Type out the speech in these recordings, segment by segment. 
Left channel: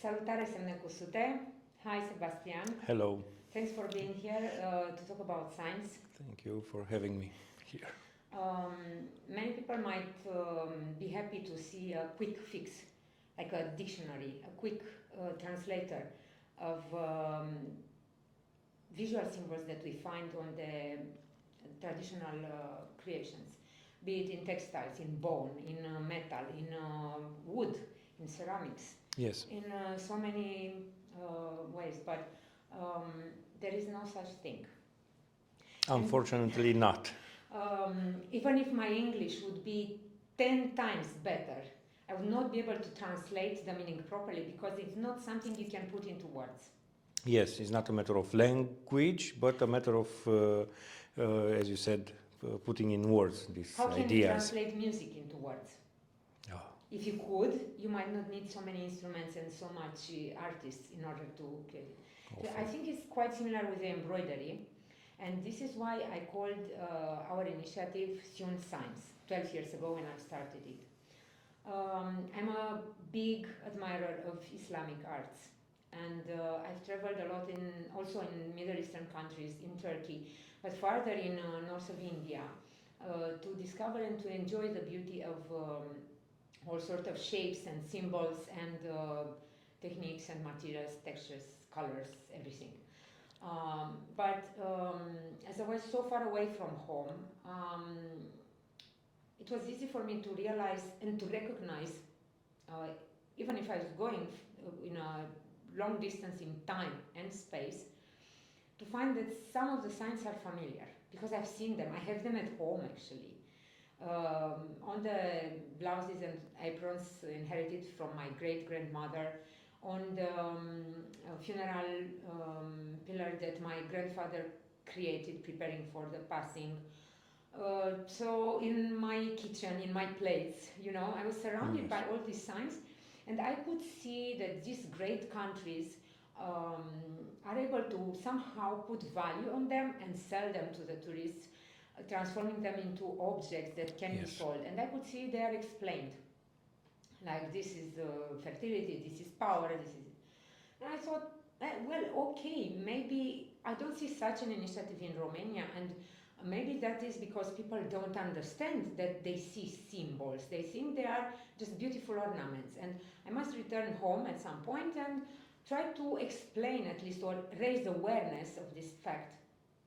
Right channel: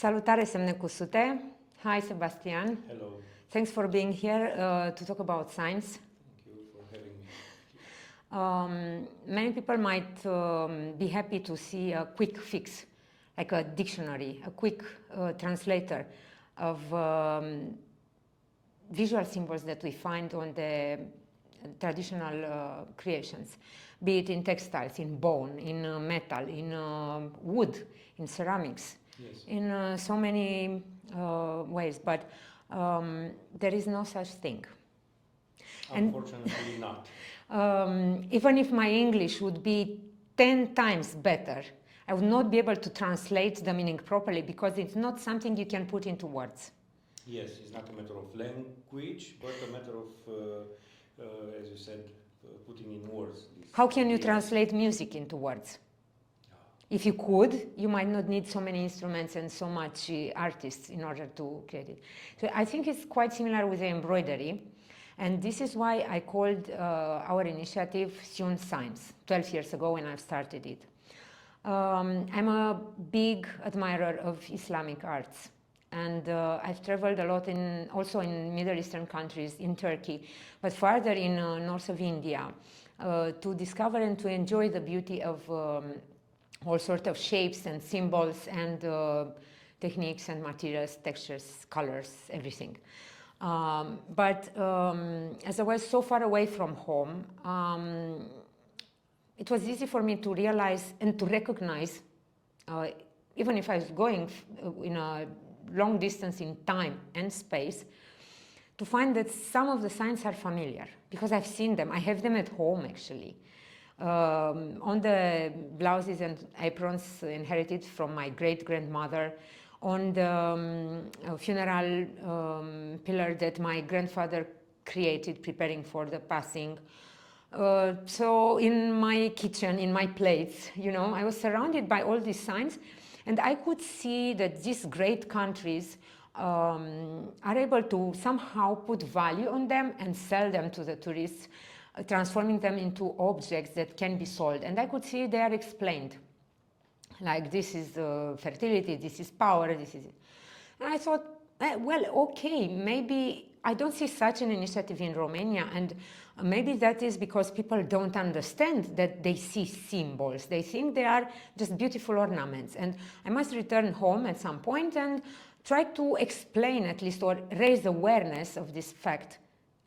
Salutare, Semne Cusute. Hi, Sebastian. Hello. Thanks for being here to talk about science. Thank you for having me here. Many people might be happy to see a quick fix, like a dictionary, a quick translator of visual symbols that we find on the traditional creations, be it in textiles, in bone, in metal, in wood, in ceramics, Yes. in so many ways, but there is no such thing. Unfortunately not. Even if my English would be 10 times better, I would not be able to translate the meaning properly because it's not something you can put into words. Yes, it's not a matter of language, but a matter of, as you said, putting in words these How can you ideas. translate music into words? Oh. If you could, you might not need so many instruments and so much artists in order to create it. So I think it's quite similar with the embroidery. And this is why I called our initiative Syun Science 12 years ago when I started it. I'm a big admirer of Islamic arts. And I've traveled a lot also in Middle Eastern countries, in Turkey, but farther in north of India, to discover and to enjoy the beauty of all sorts of shapes and symbols and techniques and materials, textures, colors, everything. But as I was so far away from home, it was easy for me to realize and to recognize, even if I was going in a long distance in time and space, to find that some of the signs are familiar because I've seen them. I have them at home actually. On the blouses and aprons inherited from my great-grandmother, on the funeral pillar that my grandfather created preparing for the passing. So in my kitchen, in my plates, you know, I was surrounded by all these signs, and I could see that these great countries are able to somehow put value on them and sell them to the tourists, transforming them into objects that can be sold. And I could see they are explained. Like, this is fertility, this is power, this is it. And I thought, well, okay, maybe I don't see such an initiative in Romania, and maybe that is because people don't understand that they see symbols. They think they are just beautiful ornaments. And I must return home at some point and try to explain at least or raise awareness of this fact.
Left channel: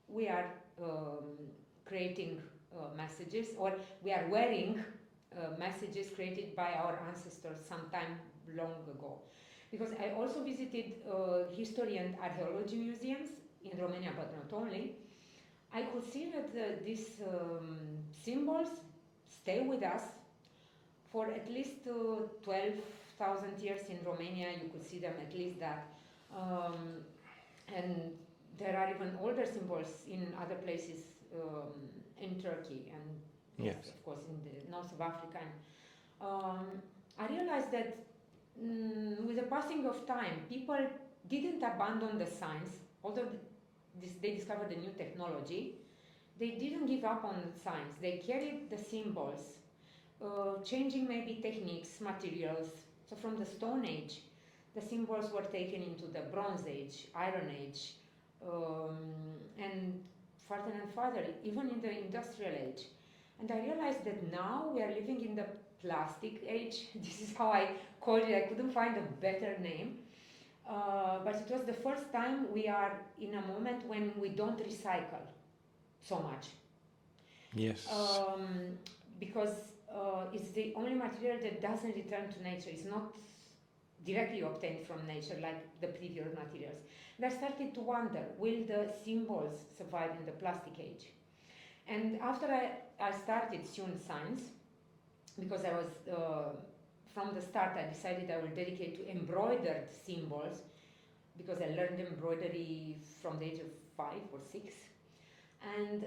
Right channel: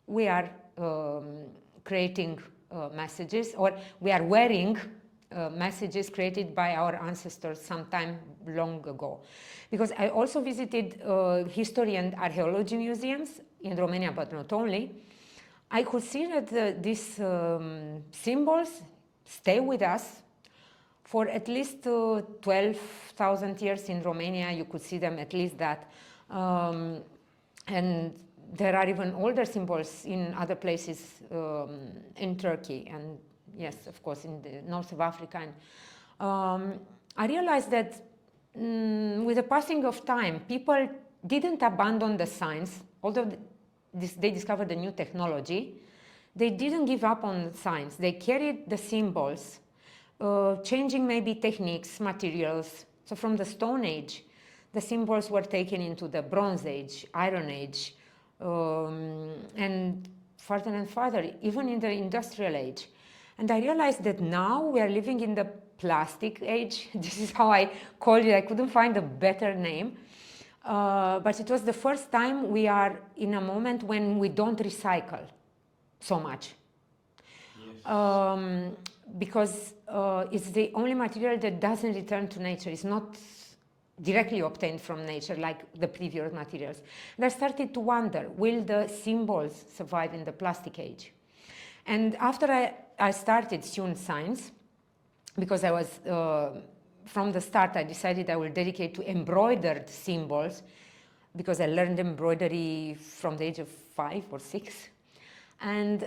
We are creating messages, or we are wearing messages created by our ancestors some time long ago. Because I also visited history and archaeology museums in Romania, but not only. I could see that these symbols stay with us for at least 12,000 years in Romania. You could see them at least that. And there are even older symbols in other places in Turkey and yes, of course, in the north of Africa. And I realized that with the passing of time, people didn't abandon the science, although they discovered a new technology. They didn't give up on science. They carried the symbols, changing maybe techniques, materials. So from the Stone Age, the symbols were taken into the Bronze Age, Iron Age, and farther, even in the Industrial Age. And I realized that now we are living in the plastic age. This is how I called it. I couldn't find a better name. But it was the first time we are in a moment when we don't recycle so much. Yes. Because it's the only material that doesn't return to nature. It's not directly obtained from nature like the previous materials. And I started to wonder, will the symbols survive in the plastic age? And after I started Syun Science, because I was, from the start, I decided I will dedicate to embroidered symbols, because I learned embroidery from the age of 5 or 6. And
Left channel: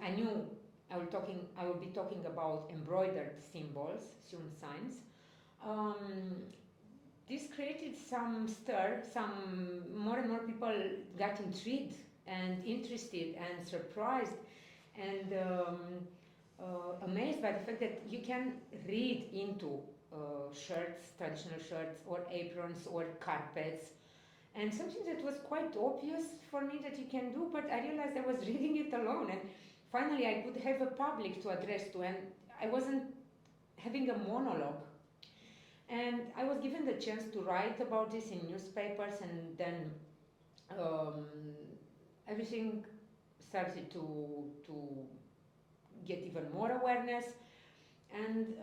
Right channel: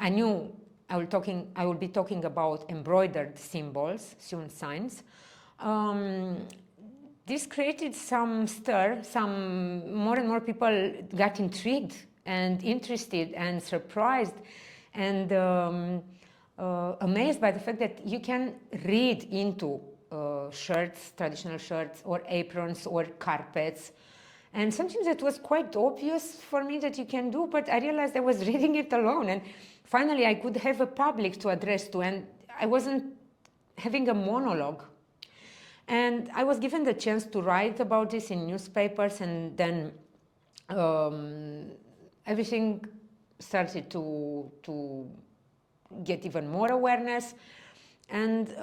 I knew I will be talking about embroidered symbols, Syun Science. This created some stir, more and more people got intrigued and interested and surprised and amazed by the fact that you can read into shirts, traditional shirts, or aprons, or carpets. And something that was quite obvious for me that you can do, but I realized I was reading it alone. And finally, I could have a public to address to, and I wasn't having a monologue. And I was given the chance to write about this in newspapers, and then everything started to get even more awareness. And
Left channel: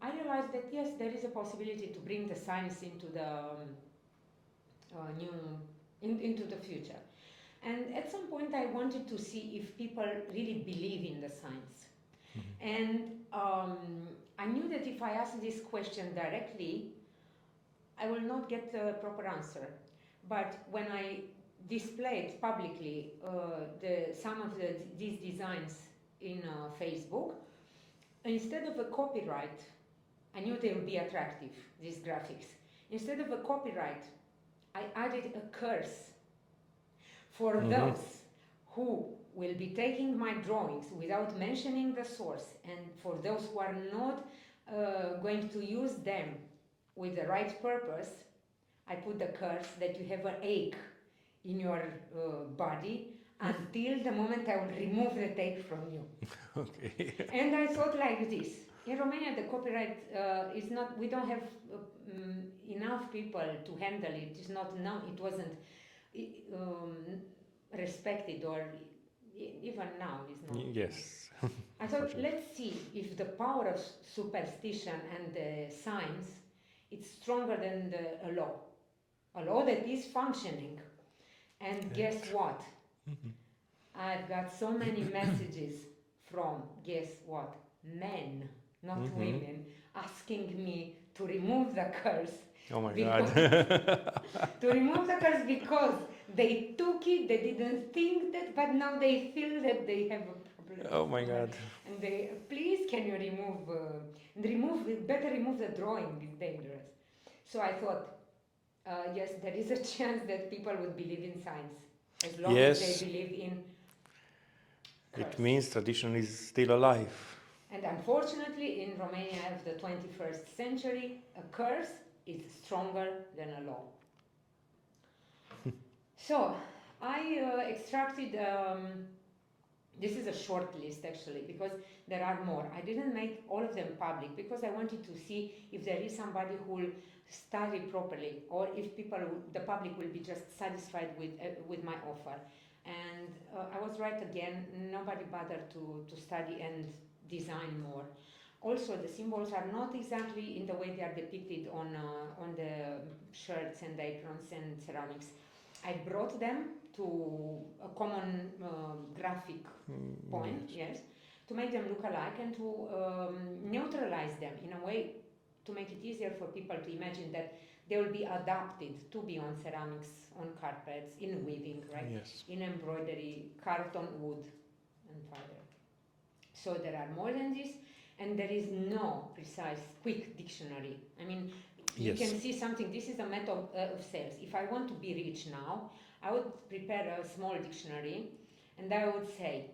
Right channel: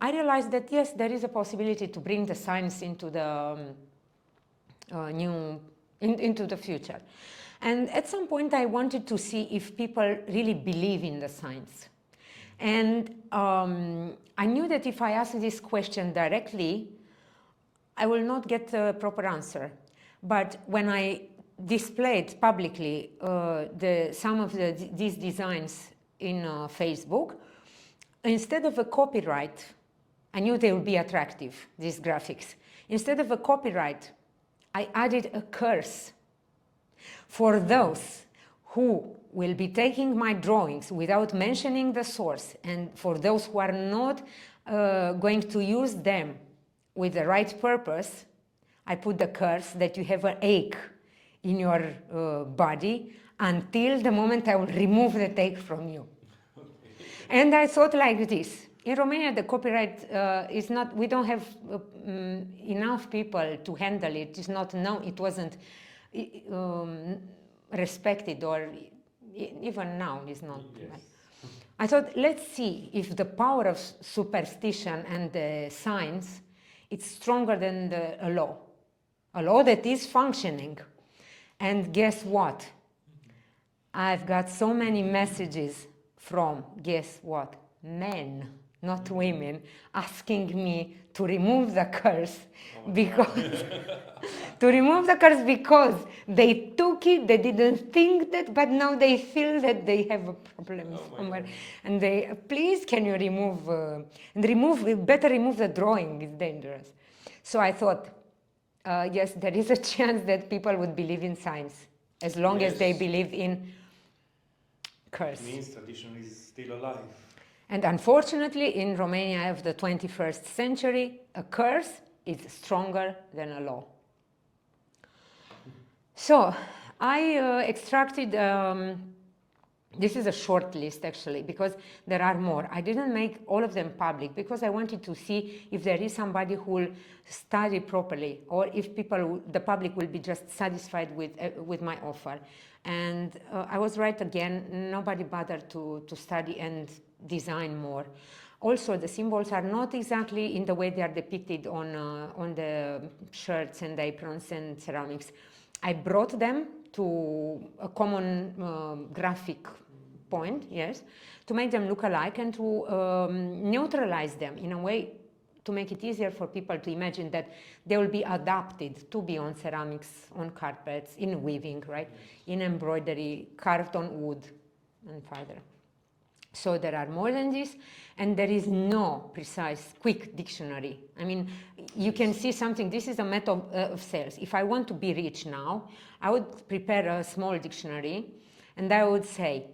I realized that, yes, there is a possibility to bring the science into the into the future. And at some point I wanted to see if people really believe in the science. And I knew that if I asked this question directly, I will not get a proper answer. But when I displayed publicly some of these designs in Facebook, instead of a copyright, I knew they would be attractive, these graphics. Instead of a copyright, I added a curse for those who will be taking my drawings without mentioning the source, and for those who are not going to use them with the right purpose. I put the curse that you have an ache in your body until the moment I will remove the ache from you. Okay. And I thought like this. In Romania, the copyright is not, we don't have enough people to handle it. It's not known, it wasn't respected, or even now is not. Yes. I thought, let's see if the power of superstition and science is stronger than a law that is functioning. And guess what? I've got so many messages from, guess what? Men, not women, asking me to remove the curse. Oh my because God. to remove the curse because they took it, they didn't think that, but now they feel that they have a problem. Oh my God. And they, please, can you remove, better remove the drawing, it's dangerous. So I thought, yes, there is a chance that people would believe in science, as long as they believe in curse. It means tradition is still alive. And unfortunately, in Romania of the 21st century, a curse is stronger than a law. So I extracted, this is a short list actually, because there are more. I didn't make all of them public because I wanted to see if there is somebody who will study properly, or if the public will be just satisfied with my offer. And I was right again, nobody bothered to study and design more. Also, the symbols are not exactly in the way they are depicted on the shirts and aprons and ceramics. I brought them to a common graphic point, yes, to make them look alike and to neutralize them in a way to make it easier for people to imagine that they will be adapted to be on ceramics, on carpets, in weaving, right? Yes. In embroidery, carved on wood, and further. So there are more than this, and there is no precise, quick dictionary. I mean, you can see something, this is a method of sales. If I want to be rich now, I would prepare a small dictionary, and I would say,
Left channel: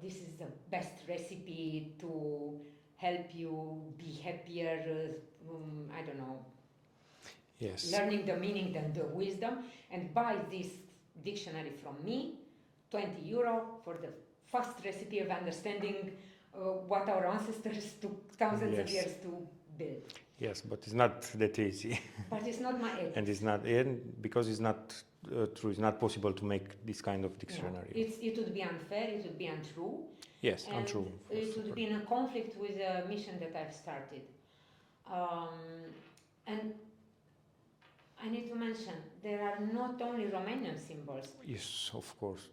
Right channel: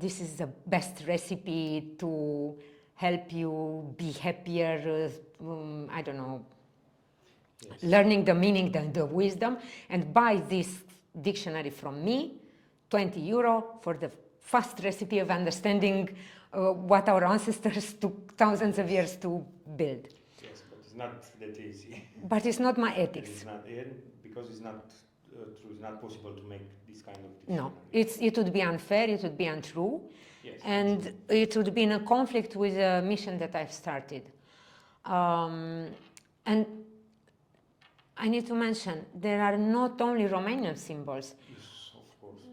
this is the best recipe to help you be happier, I don't know, learning the meaning, the wisdom, and buy this dictionary from me, 20 euro for the fast recipe of understanding what our ancestors took thousands of years to build. Yes, but it's not that easy. But it's not my ethics. And it's not, because it's not true, it's not possible to make this kind of dictionary. No, it would be unfair, it would be untrue. Yes, and untrue. It would be in a conflict with the mission that I've started. And I need to mention, there are not only Romanian symbols. Yes, of course.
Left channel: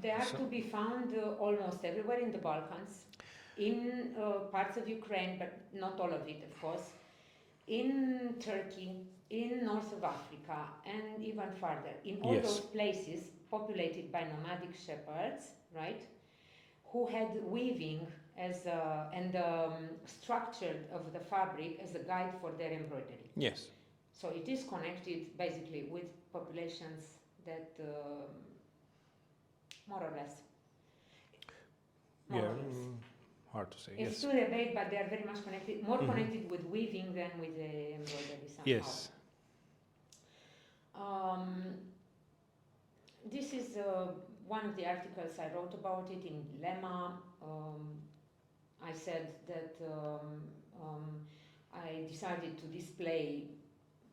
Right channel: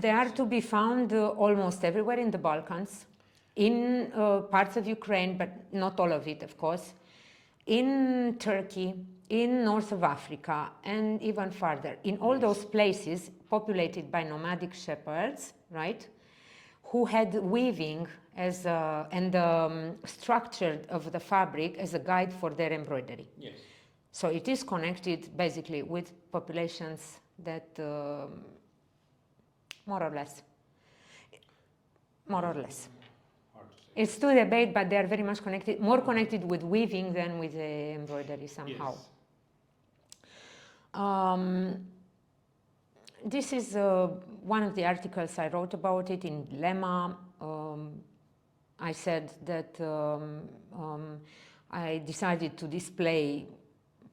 They are to be found almost everywhere in the Balkans, in parts of Ukraine, but not all of it, of course, in Turkey, in north of Africa, and even farther. In all those places populated by nomadic shepherds, right, who had weaving as and structure of the fabric as a guide for their embroidery. Yes. So it is connected basically with populations that more or less. hard to say. It's Yes. to debate, but they are very much connected, more connected with weaving than with the embroidery somehow. Yes. This is one of the articles I wrote about it in Lemma. I said that I decided to display,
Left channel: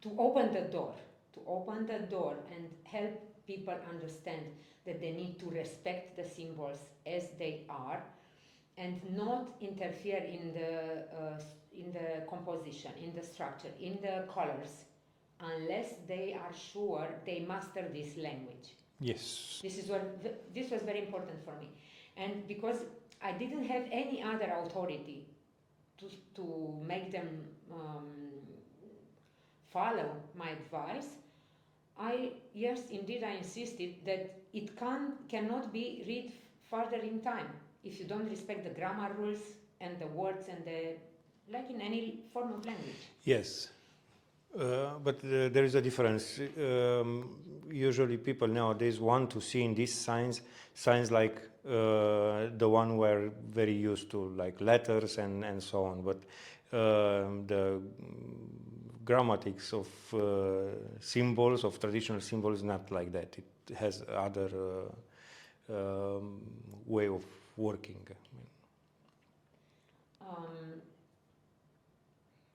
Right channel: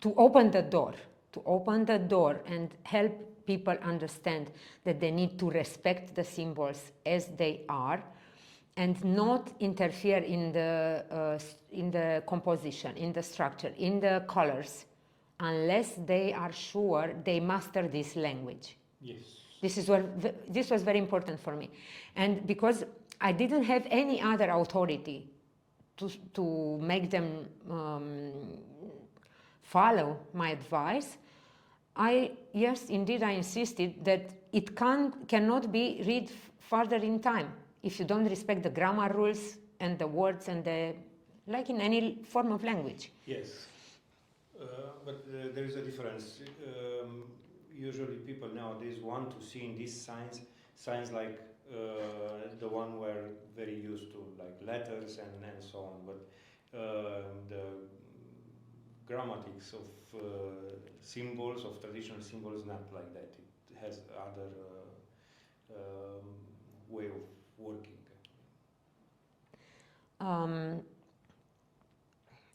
to open the door and help people understand that they need to respect the symbols as they are and not interfere in the composition, in the structure, in the colors, unless they are sure they master this language. Yes. This was very important for me. And because I didn't have any other authority to make them follow my advice, yes, indeed, I insisted that it cannot be read further in time if you don't respect the grammar rules and the words and like in any form of language. Yes, but there is a difference. Usually people nowadays want to see in these signs like the one we're very used to, like letters and so on, but the grammatics of symbols, of traditional symbols, not like that. It has other way of working.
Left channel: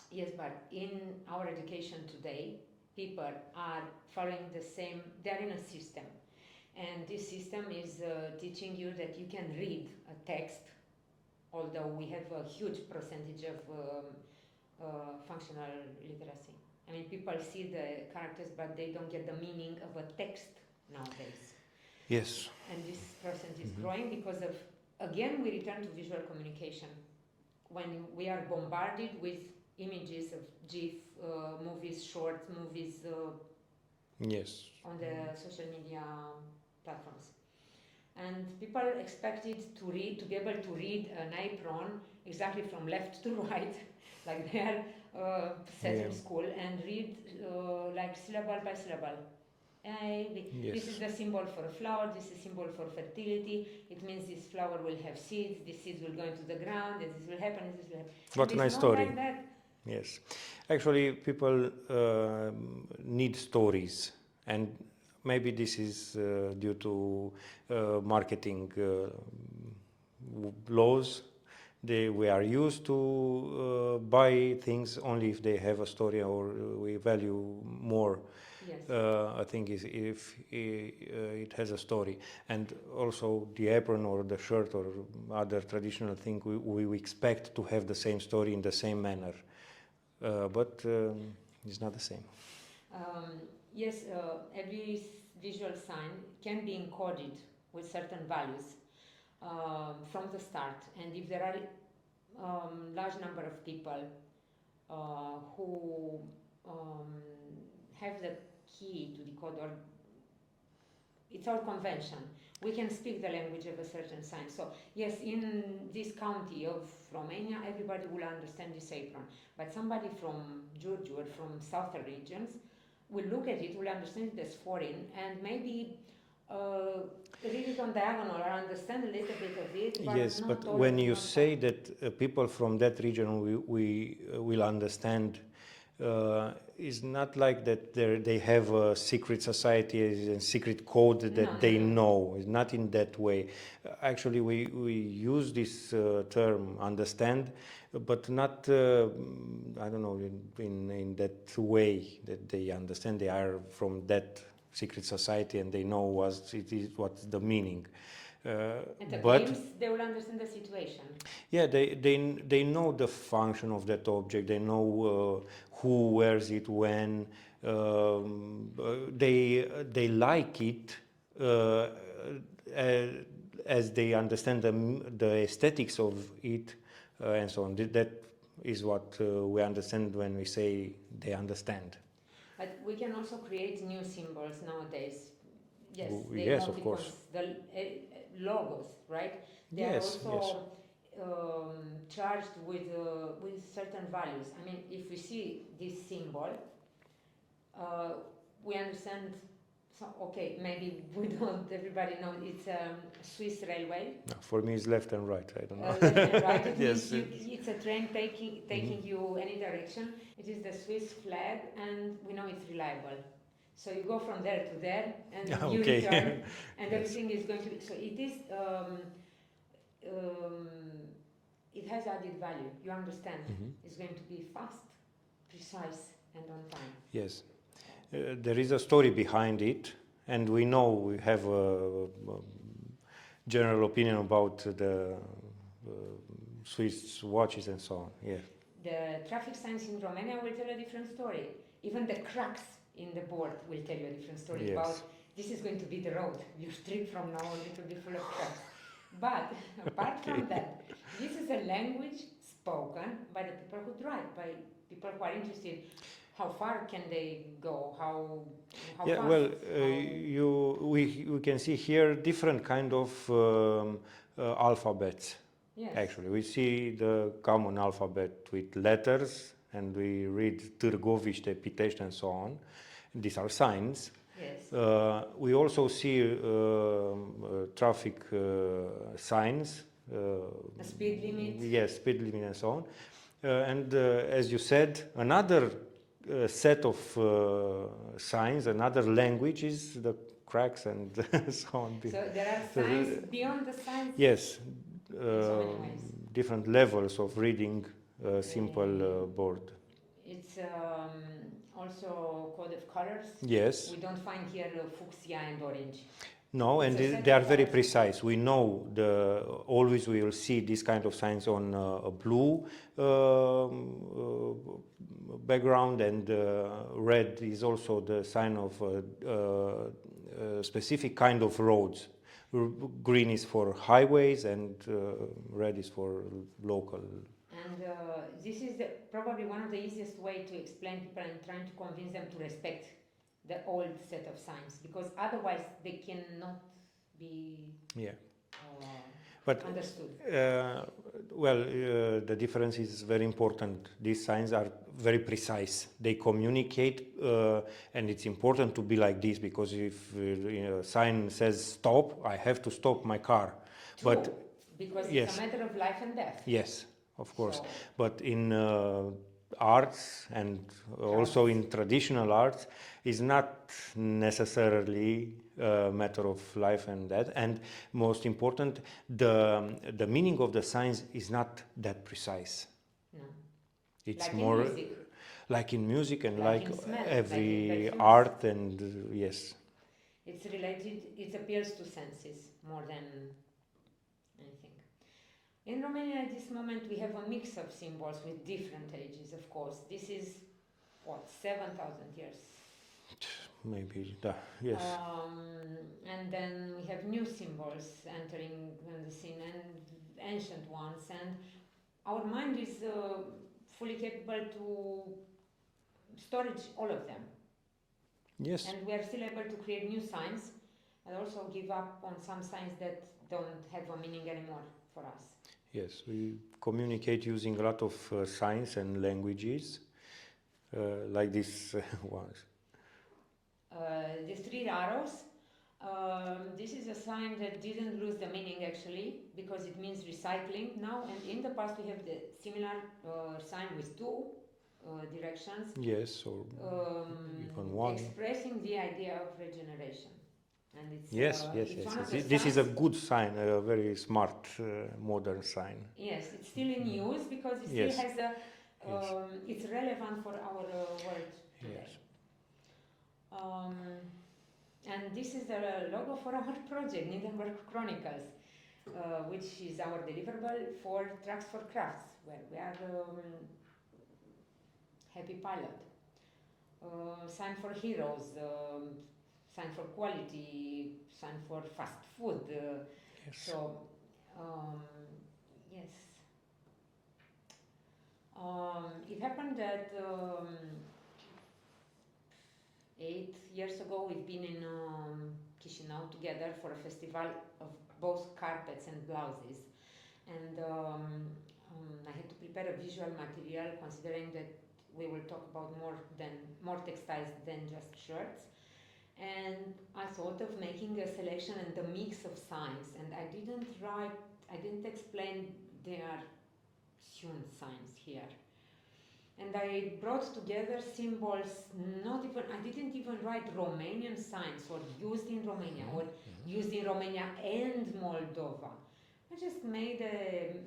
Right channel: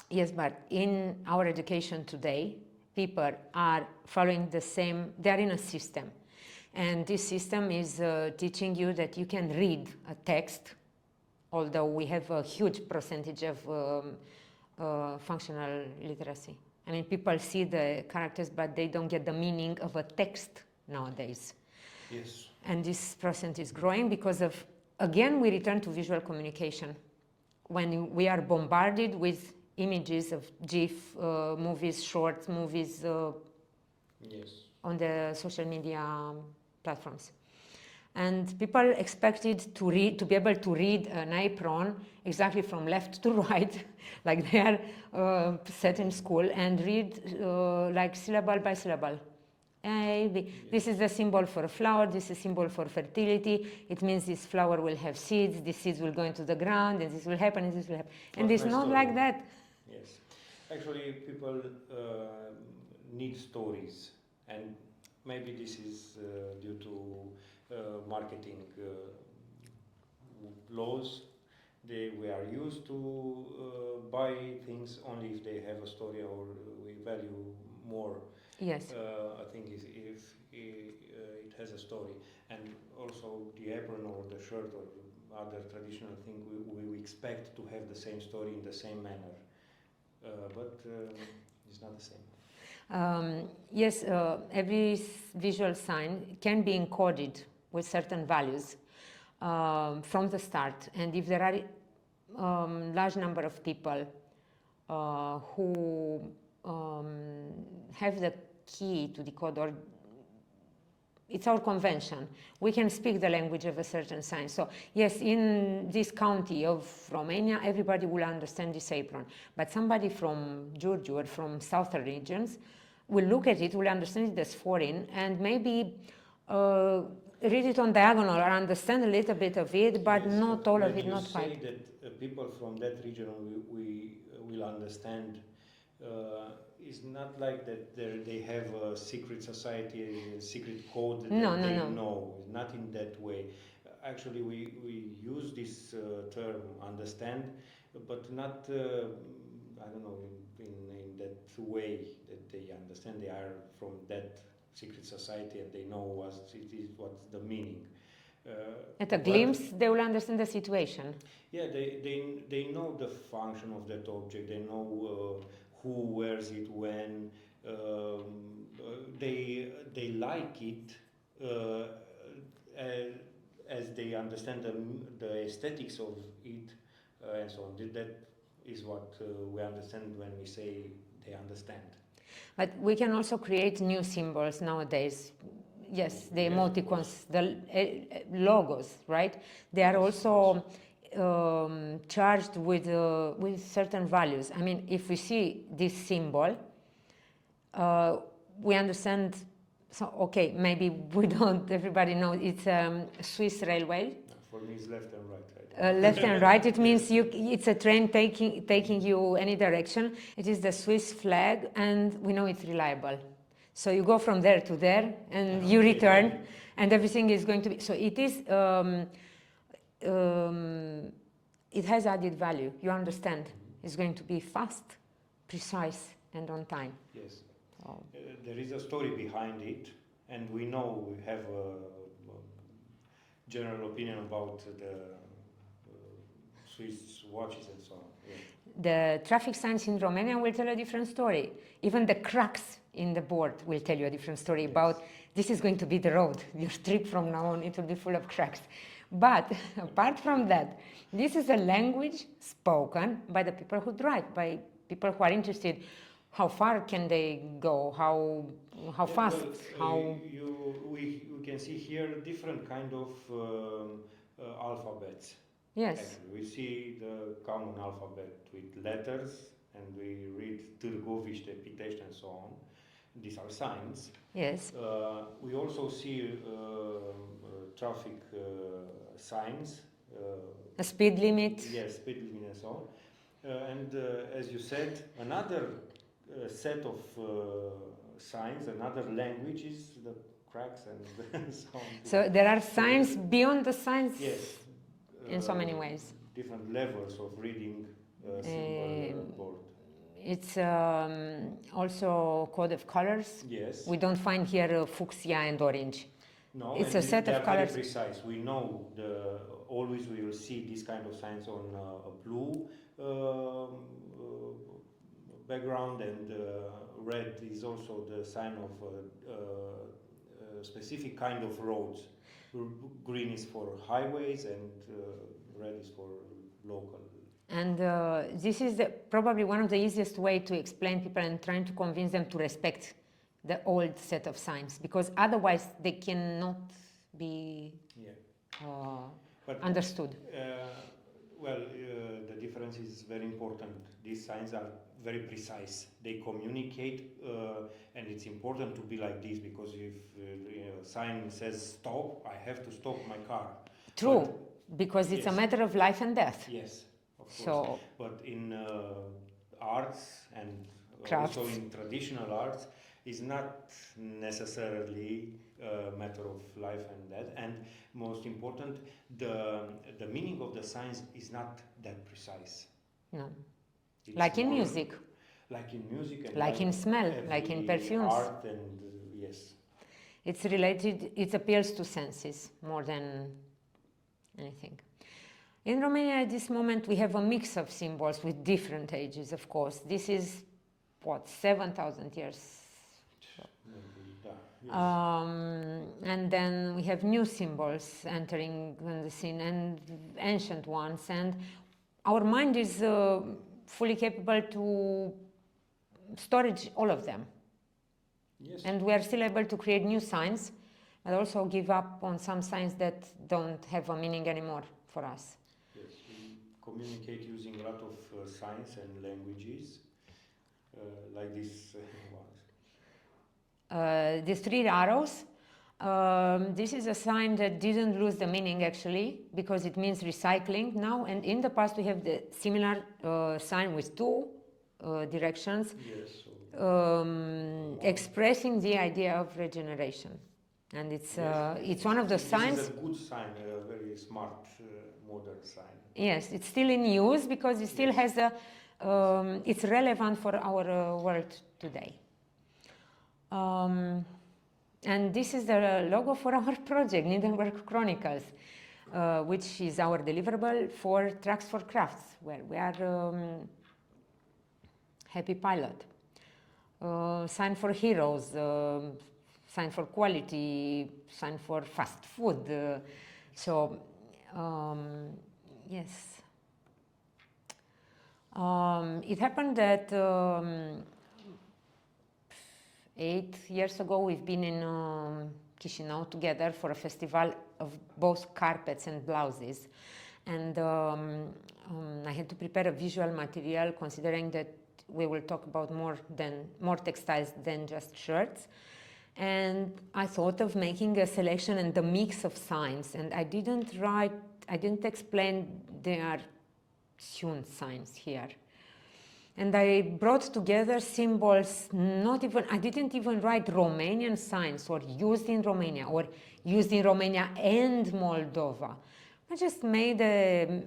Yes, but in our education today, people are following the same, they are in a system. And this system is teaching you that you can read a text, although we have a huge percentage of functional literacy. I mean, people see the characters, but they don't get the meaning of a text nowadays. Yes. And this percent is growing because of, again, we return to visual communication. When we are bombarded with images of GIF, movies, shorts, movies yes. on the social media platforms. And people expected to be able to read an apron exactly from left to right, like they are set in school, and read like syllable by syllable. Yes. This is the symbol for a flower, this is a symbol for fertility, it means this flower will have seeds, these seeds will go into the ground, and this will happen, and this will happen. What and it's nice not story. like that. Yes. Actually, people need stories, and maybe this is due to marketing laws. We are used to buy things only if they have a story, or we value more. Yes. I think if it has a story, and also the apron or the shirt or other traditional thing, we expect to have the same story in the same manner, but it's not the same. Yes, every visual sign can be encoded with certain values from the start, and if there are large number of people who have the key to decode, or it's our convention, we can speak the language of a certain sign. So yes, in this county of Romania, everybody will understand this apron, but somebody from Giurgiu or from southern regions will look at it, will understand it as foreign, and maybe read it on diagonal or understand a little bit of it, but yes, not but all of it. When you say that people from that region we will understand, it's not like that they have a secret society, a secret code that they know. It's not in that way. Actually, we use this term understand, but not, I don't know, in that way that they understand they are from that secret society and they know what's the meaning. At a glimpse, they will understand the situation. Yeah, they know the function of that object. They know who wears it when. They like it as they understand the aesthetics of it, and so on. That is what we understand when we say they understand. But we can also create new symbols nowadays. Yes, the yes, emoticons, the logos, right? They are also charged with certain values. I mean, if we see this symbol, we understand So, okay, maybe we don't, everybody knows, it's Swiss railway. No, for me, it's left and right. I don't know. Left and right, it Yes. means it's a train taking you any direction. It is the Swiss flag, and we know it's reliable. So you go from there to there, and you Okay. return, and everything is going to be, so it is, it has added value, you understand. It's going to be fast, precise, and on time. Yes. There is a story behind it, and we know we have a general opinion about the Swiss watches and so on. Yeah. The traffic signs in Romania will tell a different story. Even the cracks in the board will tell you a different story about this is going to be the road. Your trip from now on, it will be full of cracks. But apart from that, this is a language spoken by the people who drive, by people who are interested. How far can they go? How fast? Well, we can see here different kind of alphabets. Yes. Actually, we see the common alphabet with letters, and we read Târgoviște, Pitești, and so on. These are signs. Yes. We also see traffic signs. A speed limit. Yes, speed limit and so on. And as you said, another set of signs, another language is the cracks and so on. So there are signs beyond the signs? Yes. In so many ways. Different levels of reading a simple board. It's also code of colors. Yes. We don't find here fuchsia and orange. No, it's and they are very precise. We know always we will see this kind of signs on a blue background, and red is also the sign of a specific kind of roads. Green is for highways, and red is for local. And this is probably one of the easiest way to explain people and trying to convince them to respect the old set of signs, because otherwise they cannot be understood. The difference is very important. These signs are very precise. They communicate, and it's important to be like this, because if a sign says stop, I have to stop my car. True, because it's a matter of life and death. Yes, of course. So, but in arts and crafts, also in traditional arts, is not necessarily a matter of life and death. And most important, the meaning of the signs is not that precise. No. It's like in music. Like in music, and like in smell, like in perfumes. Art, and yes. It's related, it appeals to senses more than anything. In Romania at this moment we have a mix of symbols with different ages, of course. This is, what, 7,000 years? Maybe, yes. And then we have new symbols entering on the scene, and ancient ones, and our mind is fully capable to storage all of them. Yes. And we are still able to create new signs, but also give up on some signs that don't have a meaning anymore for us. Yes, we communicate using a lot of signs and languages, like this ones. The 3 arrows, this is a sign that didn't lose the meaning actually, because it means recycling now, and in the past we have the similar sign with 2 directions. Yes. Expressing the idea of regeneration. And it's it's one of the signs. This is a good sign, a very smart, modern sign. Yes, it's still in use because it still has a, it's relevant for our world today. And this is the logo for our project, Needlework Chronicles, which is our deliverable for Tracks4Crafts, where we are happy pilot. Sign for heroes, sign for quality, sign for fast food. So, yes. It happened that 8 years ago we've been in Chișinău together for a festival of both carpets and blouses. And I had to prepare a visual material, considering that we will talk about more textiles than just shirts. And I thought of making a selection and a mix of signs, and I didn't explain there are hewn signs here. And I brought together symbols, I didn't even write Romanian signs or used in Romania or used in Romania and Moldova. I just made a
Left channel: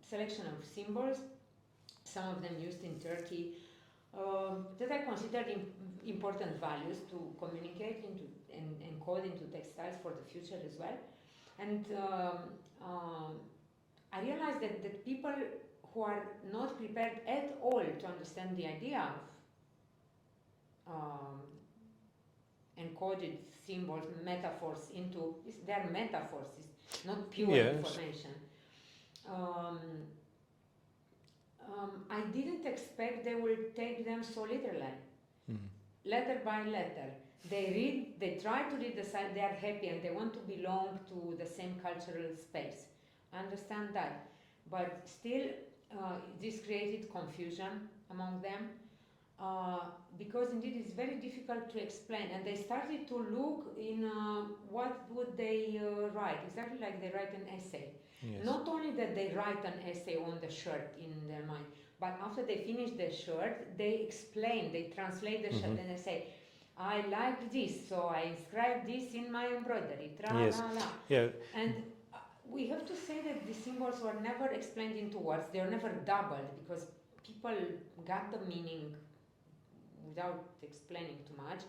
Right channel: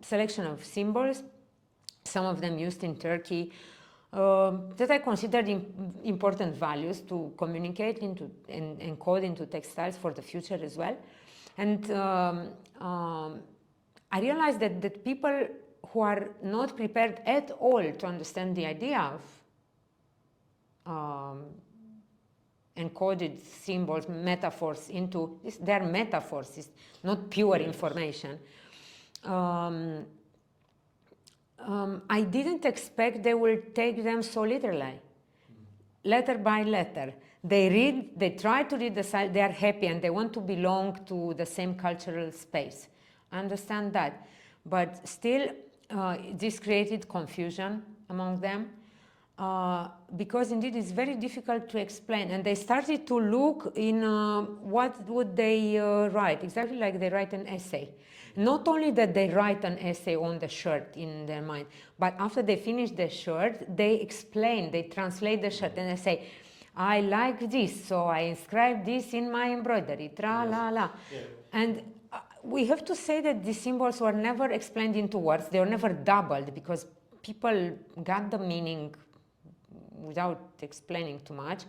selection of symbols, some of them used in Turkey, that I considered important values to communicate into and encode into textiles for the future as well. And I realized that people who are not prepared at all to understand the idea of encoded symbols, metaphors into this, they're metaphors, it's not pure information. I didn't expect they will take them so literally, letter by letter. They read, they try to read the site, they are happy and they want to belong to the same cultural space. I understand that. But still, this created confusion among them because indeed it's very difficult to explain. And they started to look in what would they write, exactly like they write an essay. Yes. Not only that they write an essay on the shirt in their mind, but after they finish the shirt, they explain, they translate the shirt and they say, I like this, so I inscribe this in my embroidery, tra-la-la. Yeah. And we have to say that these symbols were never explained into words, they were never doubled because people got the meaning without explaining too much.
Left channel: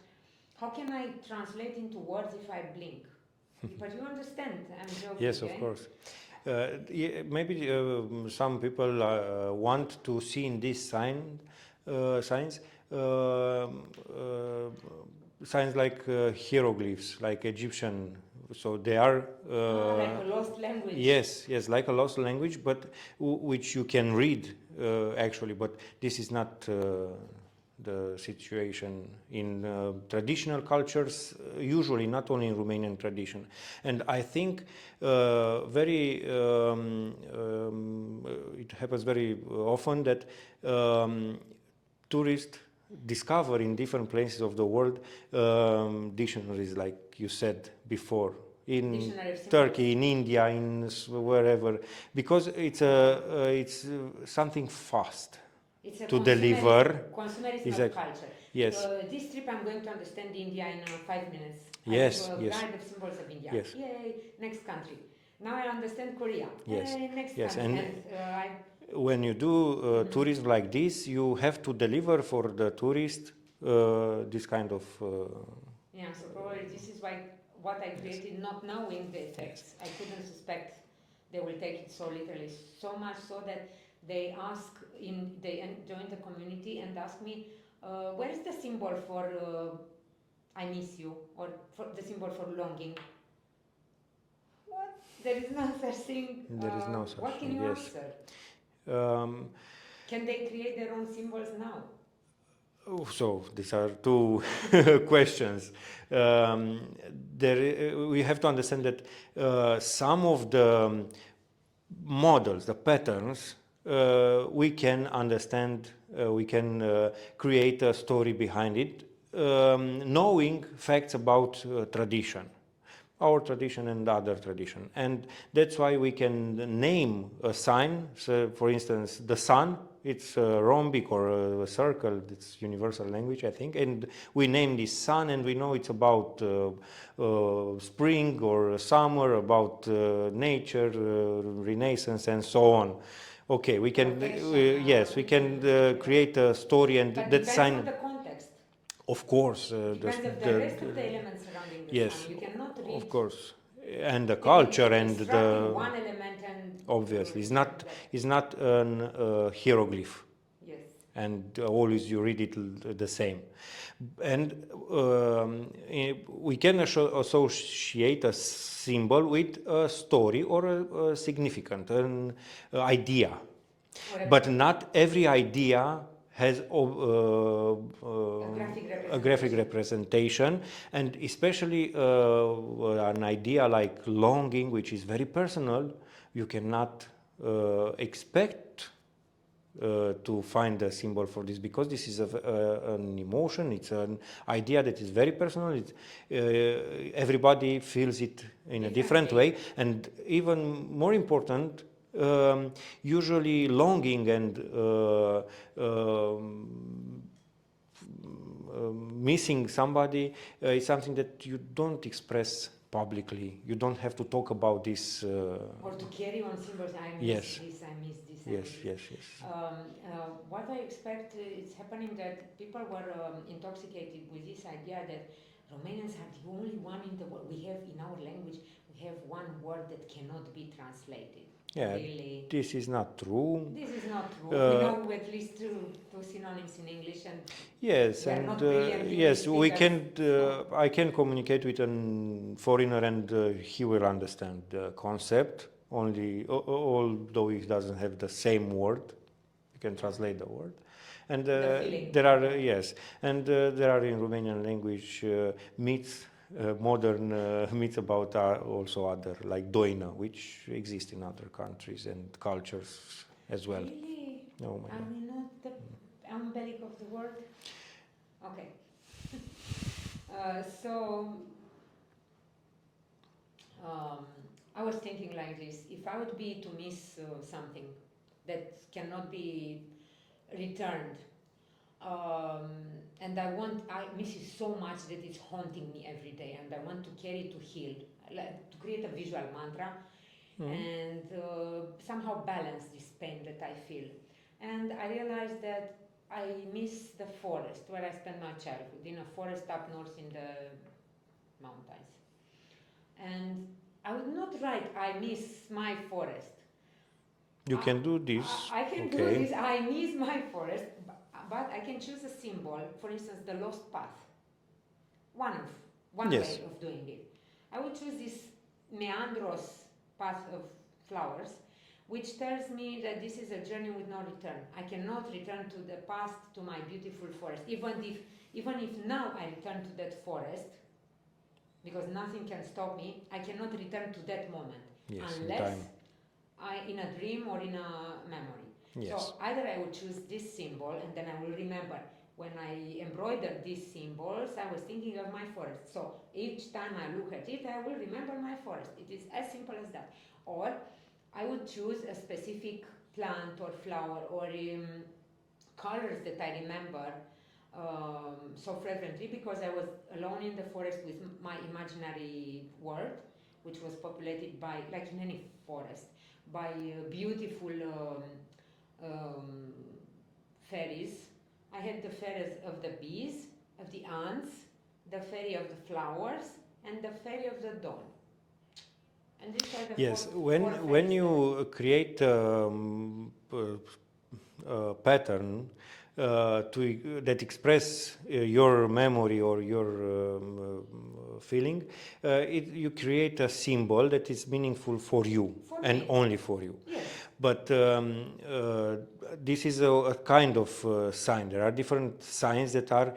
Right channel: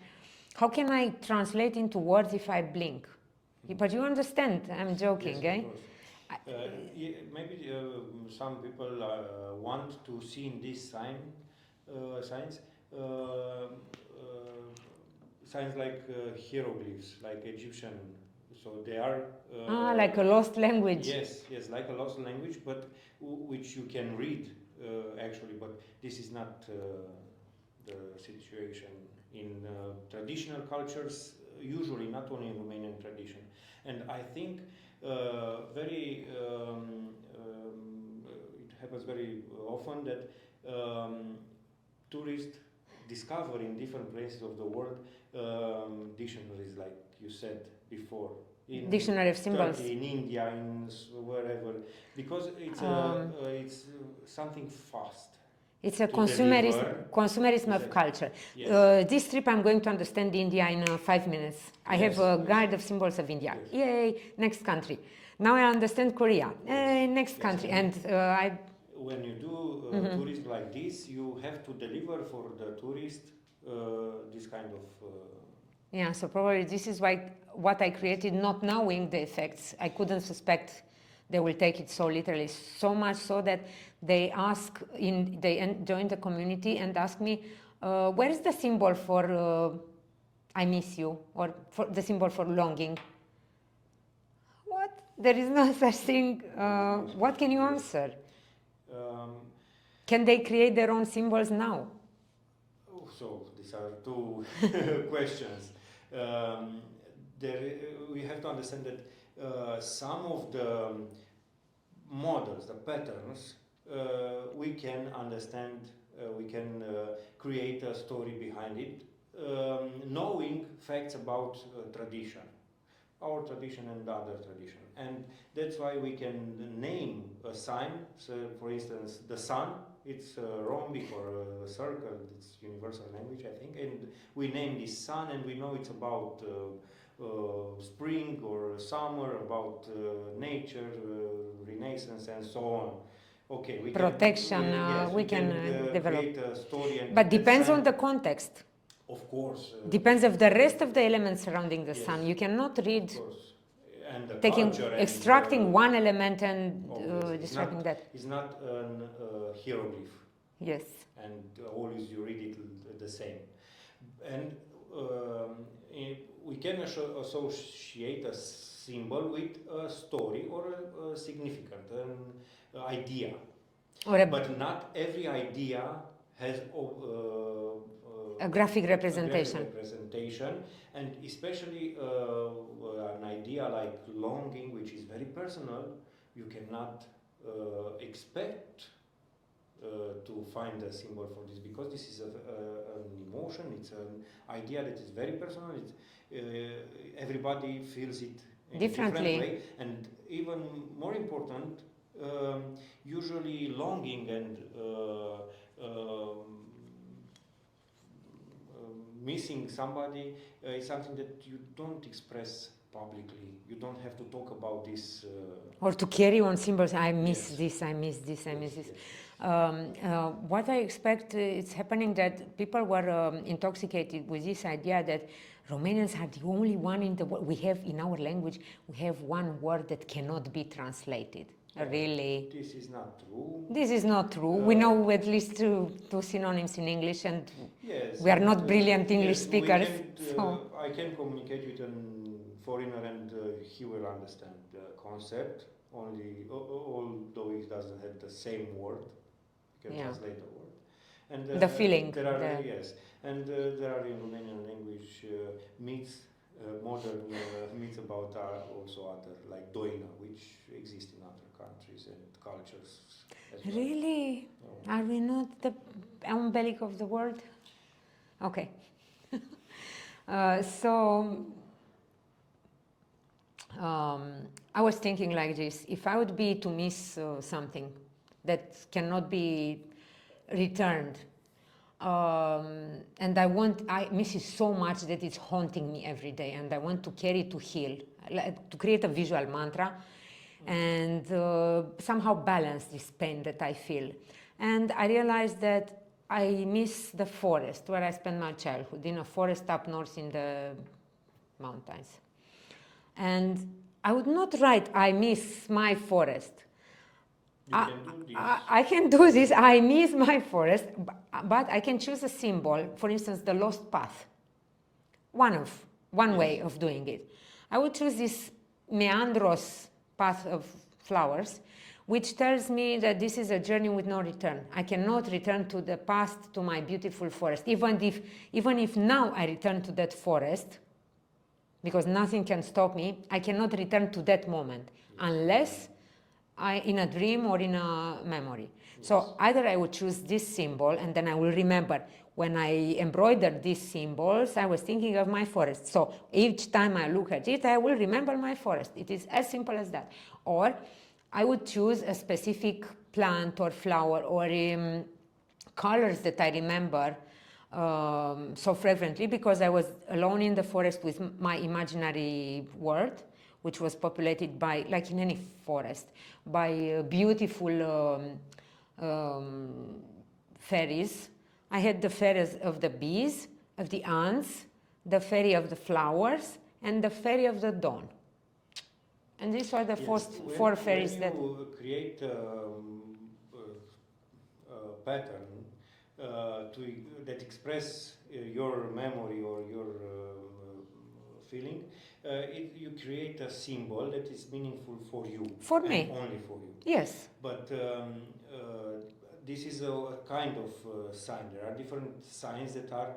How can I translate into words if I blink? But you understand, I'm joking, yes, of course. Maybe some people want to see in these signs signs like hieroglyphs, like Egyptian. So they are like a lost language. Yes, yes, like a lost language, but which you can read actually. But this is not the situation in traditional cultures, usually not only in Romanian tradition. And I think it happens very often that tourists discover in different places of the world dictionaries, like you said before, in Dictionary of Turkey, in India, in wherever, because it's something fast. It's a consumerism exactly. Of culture. Yes. This trip I'm going to understand India in 5 minutes. Yes, I have a guide of symbols of India. Yes. Yay, next country. Now I understand Korea. Yes. Yay, next country. And when you do tourism like this, you have to deliver for the tourist this kind of... Yeah, so probably this is why what I created, not knowing the effects, I couldn't suspect they will take it so literally, so much so that they join the community and ask me, where is the symbol for I miss you, or for the symbol for longing? What? There is no such thing. What can you answer? Can they create their own symbols now? So these are two questions. We have to understand that some of the models, the patterns, we can understand, we can create a story behind it, knowing facts about tradition, our tradition and other tradition. And that's why we can name a sign. So for instance, the sun, it's a rhombic or a circle, it's universal language, I think. And we name this sun and we know it's about spring or summer, about nature, renaissance and so on. Okay, we can, yes, we can create a story, and but depends on the context. Of course. Depends of the rest of the elements surrounding the sun. You cannot read. Of course. And the culture and extracting one element and obviously it's not an hieroglyph. Yes. And always you read it the same. And we can associate a symbol with a story or a significant, an idea. But not every idea has a graphic representation, and especially an idea like longing, which is very personal. You cannot expect to find a symbol for this, because this is an emotion, it's an idea that is very personal. Everybody feels it in a different way, and even more important, usually longing and missing somebody is something that you don't express publicly. You don't have to talk about this. Or to carry on symbols, I miss this, I miss this, I miss this. What I expect is happening that people were intoxicated with this idea that Romanians are the only one in the world. We have, in our language, we have one word that cannot be translated. Yeah, really? This is not true. This is not true. We know at least two synonyms in English, and yes, we are not brilliant English speakers. Yes, we can. I can communicate with a foreigner, and he will understand the concept. Although he doesn't have the same word, you can translate the word. And the feeling. There are and there are in Romanian language myths. Modern myths about also other, like Doina, which exist in other countries and cultures as well. Really? No. Are we not the umbilic of the world? Okay. I was thinking like this: if I would be to miss something that cannot be returned, and I miss it so much that it's haunting me every day, and I want to carry it to heal, to create a visual mantra, and somehow balance this pain that I feel. And I realized that I miss the forest where I spent my childhood, in a forest up north in the mountains. And I would not write, I miss my forest. You can do this. I can do this. I miss my forest, but I can choose a symbol. For instance, the lost path. One way of doing it. I would choose this meandros path of flowers, which tells me that this is a journey with no return. I cannot return to the past, to my beautiful forest. Even if now I return to that forest, because nothing can stop me, I cannot return to that moment unless in a dream or in a memory. Yes. So either I would choose this symbol, and then I will remember when I embroidered these symbols, I was thinking of my forest. So each time I look at it, I will remember my forest. It is as simple as that. Or I would choose a specific plant or flower or colors that I remember so frequently, because I was alone in the forest with my imaginary world, which was populated by, like in any forest, by beautiful fairies. I had the fairies of the bees, of the ants, the fairy of the flowers, and the fairy of the dawn. And these are the four fairies. When you create a pattern that express your memory or your feeling, you create a symbol that is meaningful for you, and only for you. Yes. But this is a kind of sign. There are different signs that are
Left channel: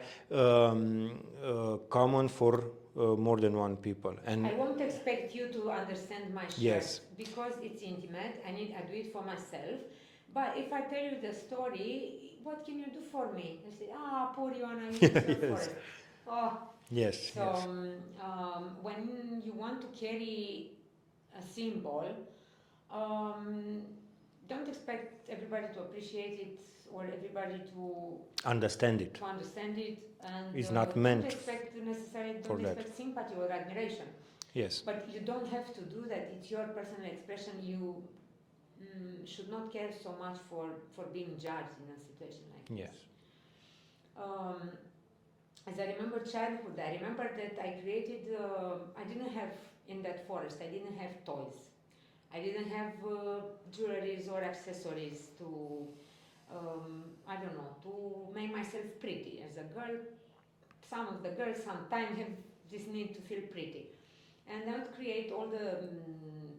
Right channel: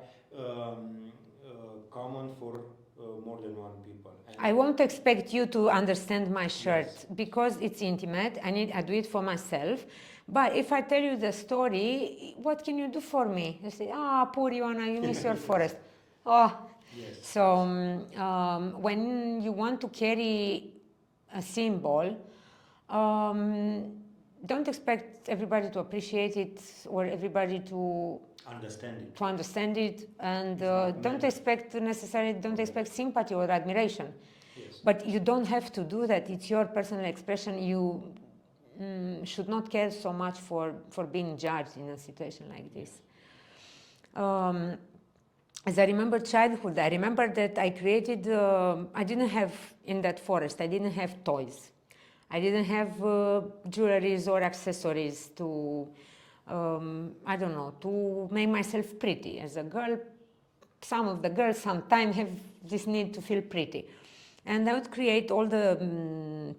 common for more than one people. And I won't expect you to understand my shirt because it's intimate. I do it for myself. But if I tell you the story, what can you do for me? You say, poor Ioana, you miss your forest. Oh. Yes. So when you want to carry a symbol, don't expect everybody to appreciate it or everybody to understand it. And don't expect sympathy or admiration. Yes. But you don't have to do that. It's your personal expression. You should not care so much for being judged in a situation like this. Yes. As I remember childhood, I remember that I created, I didn't have, in that forest, I didn't have toys. I didn't have jewelries or accessories to, I don't know, to make myself pretty. As a girl, some of the girls sometimes have this need to feel pretty. And I would create all the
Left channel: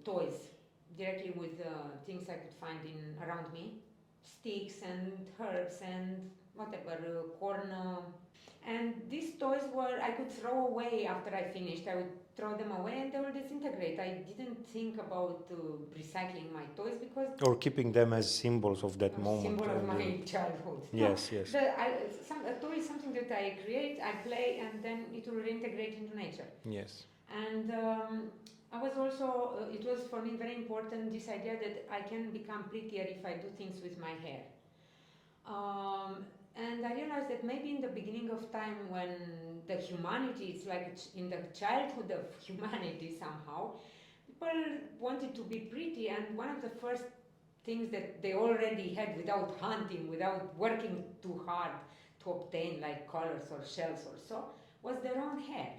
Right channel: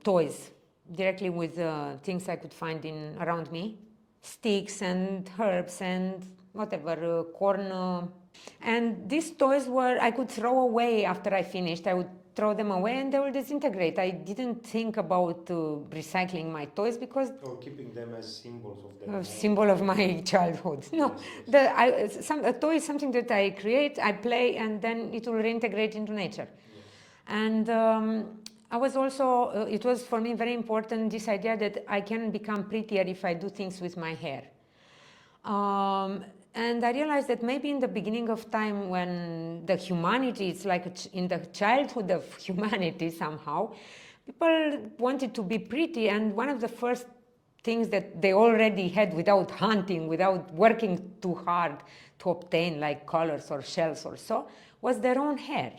toys directly with things I could find around me. Sticks and herbs and whatever, corn And these toys I could throw away after I finished. I would throw them away and they will disintegrate. I didn't think about recycling my toys because... Or keeping them as symbols of that moment. Symbol of my childhood. No, yes. A toy is something that I create, I play, and then it will reintegrate into nature. Yes. And I was also, it was for me very important, this idea that I can become prettier if I do things with my hair. And I realized that maybe in the beginning of time when the humanity, it's like in the childhood of humanity somehow, people wanted to be pretty, and one of the first things that they already had without hunting, without working too hard to obtain like colors or shells or so, was their own hair.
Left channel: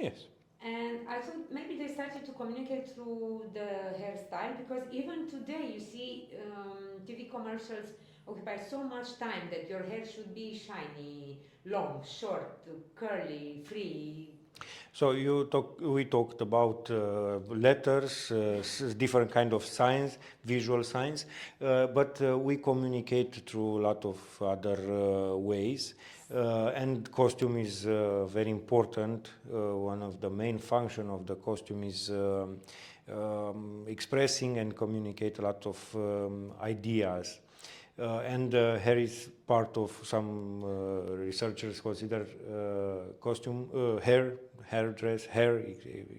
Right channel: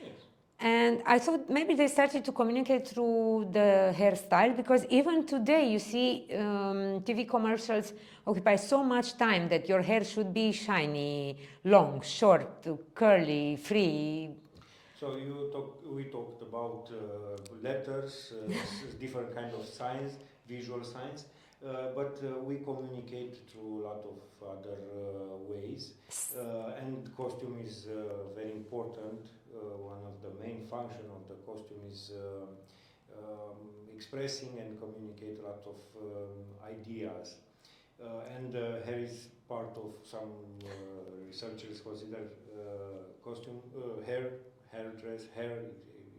Yes. And I thought maybe they started to communicate through the hairstyle, because even today you see TV commercials occupy so much time that your hair should be shiny, long, short, curly, free. So we talked about letters, different kind of signs, visual signs, but we communicate through a lot of other ways, and costume is very important. One of the main function of the costume is expressing and communicate a lot of ideas. And hair is part of some researchers consider costume, hair dress, hair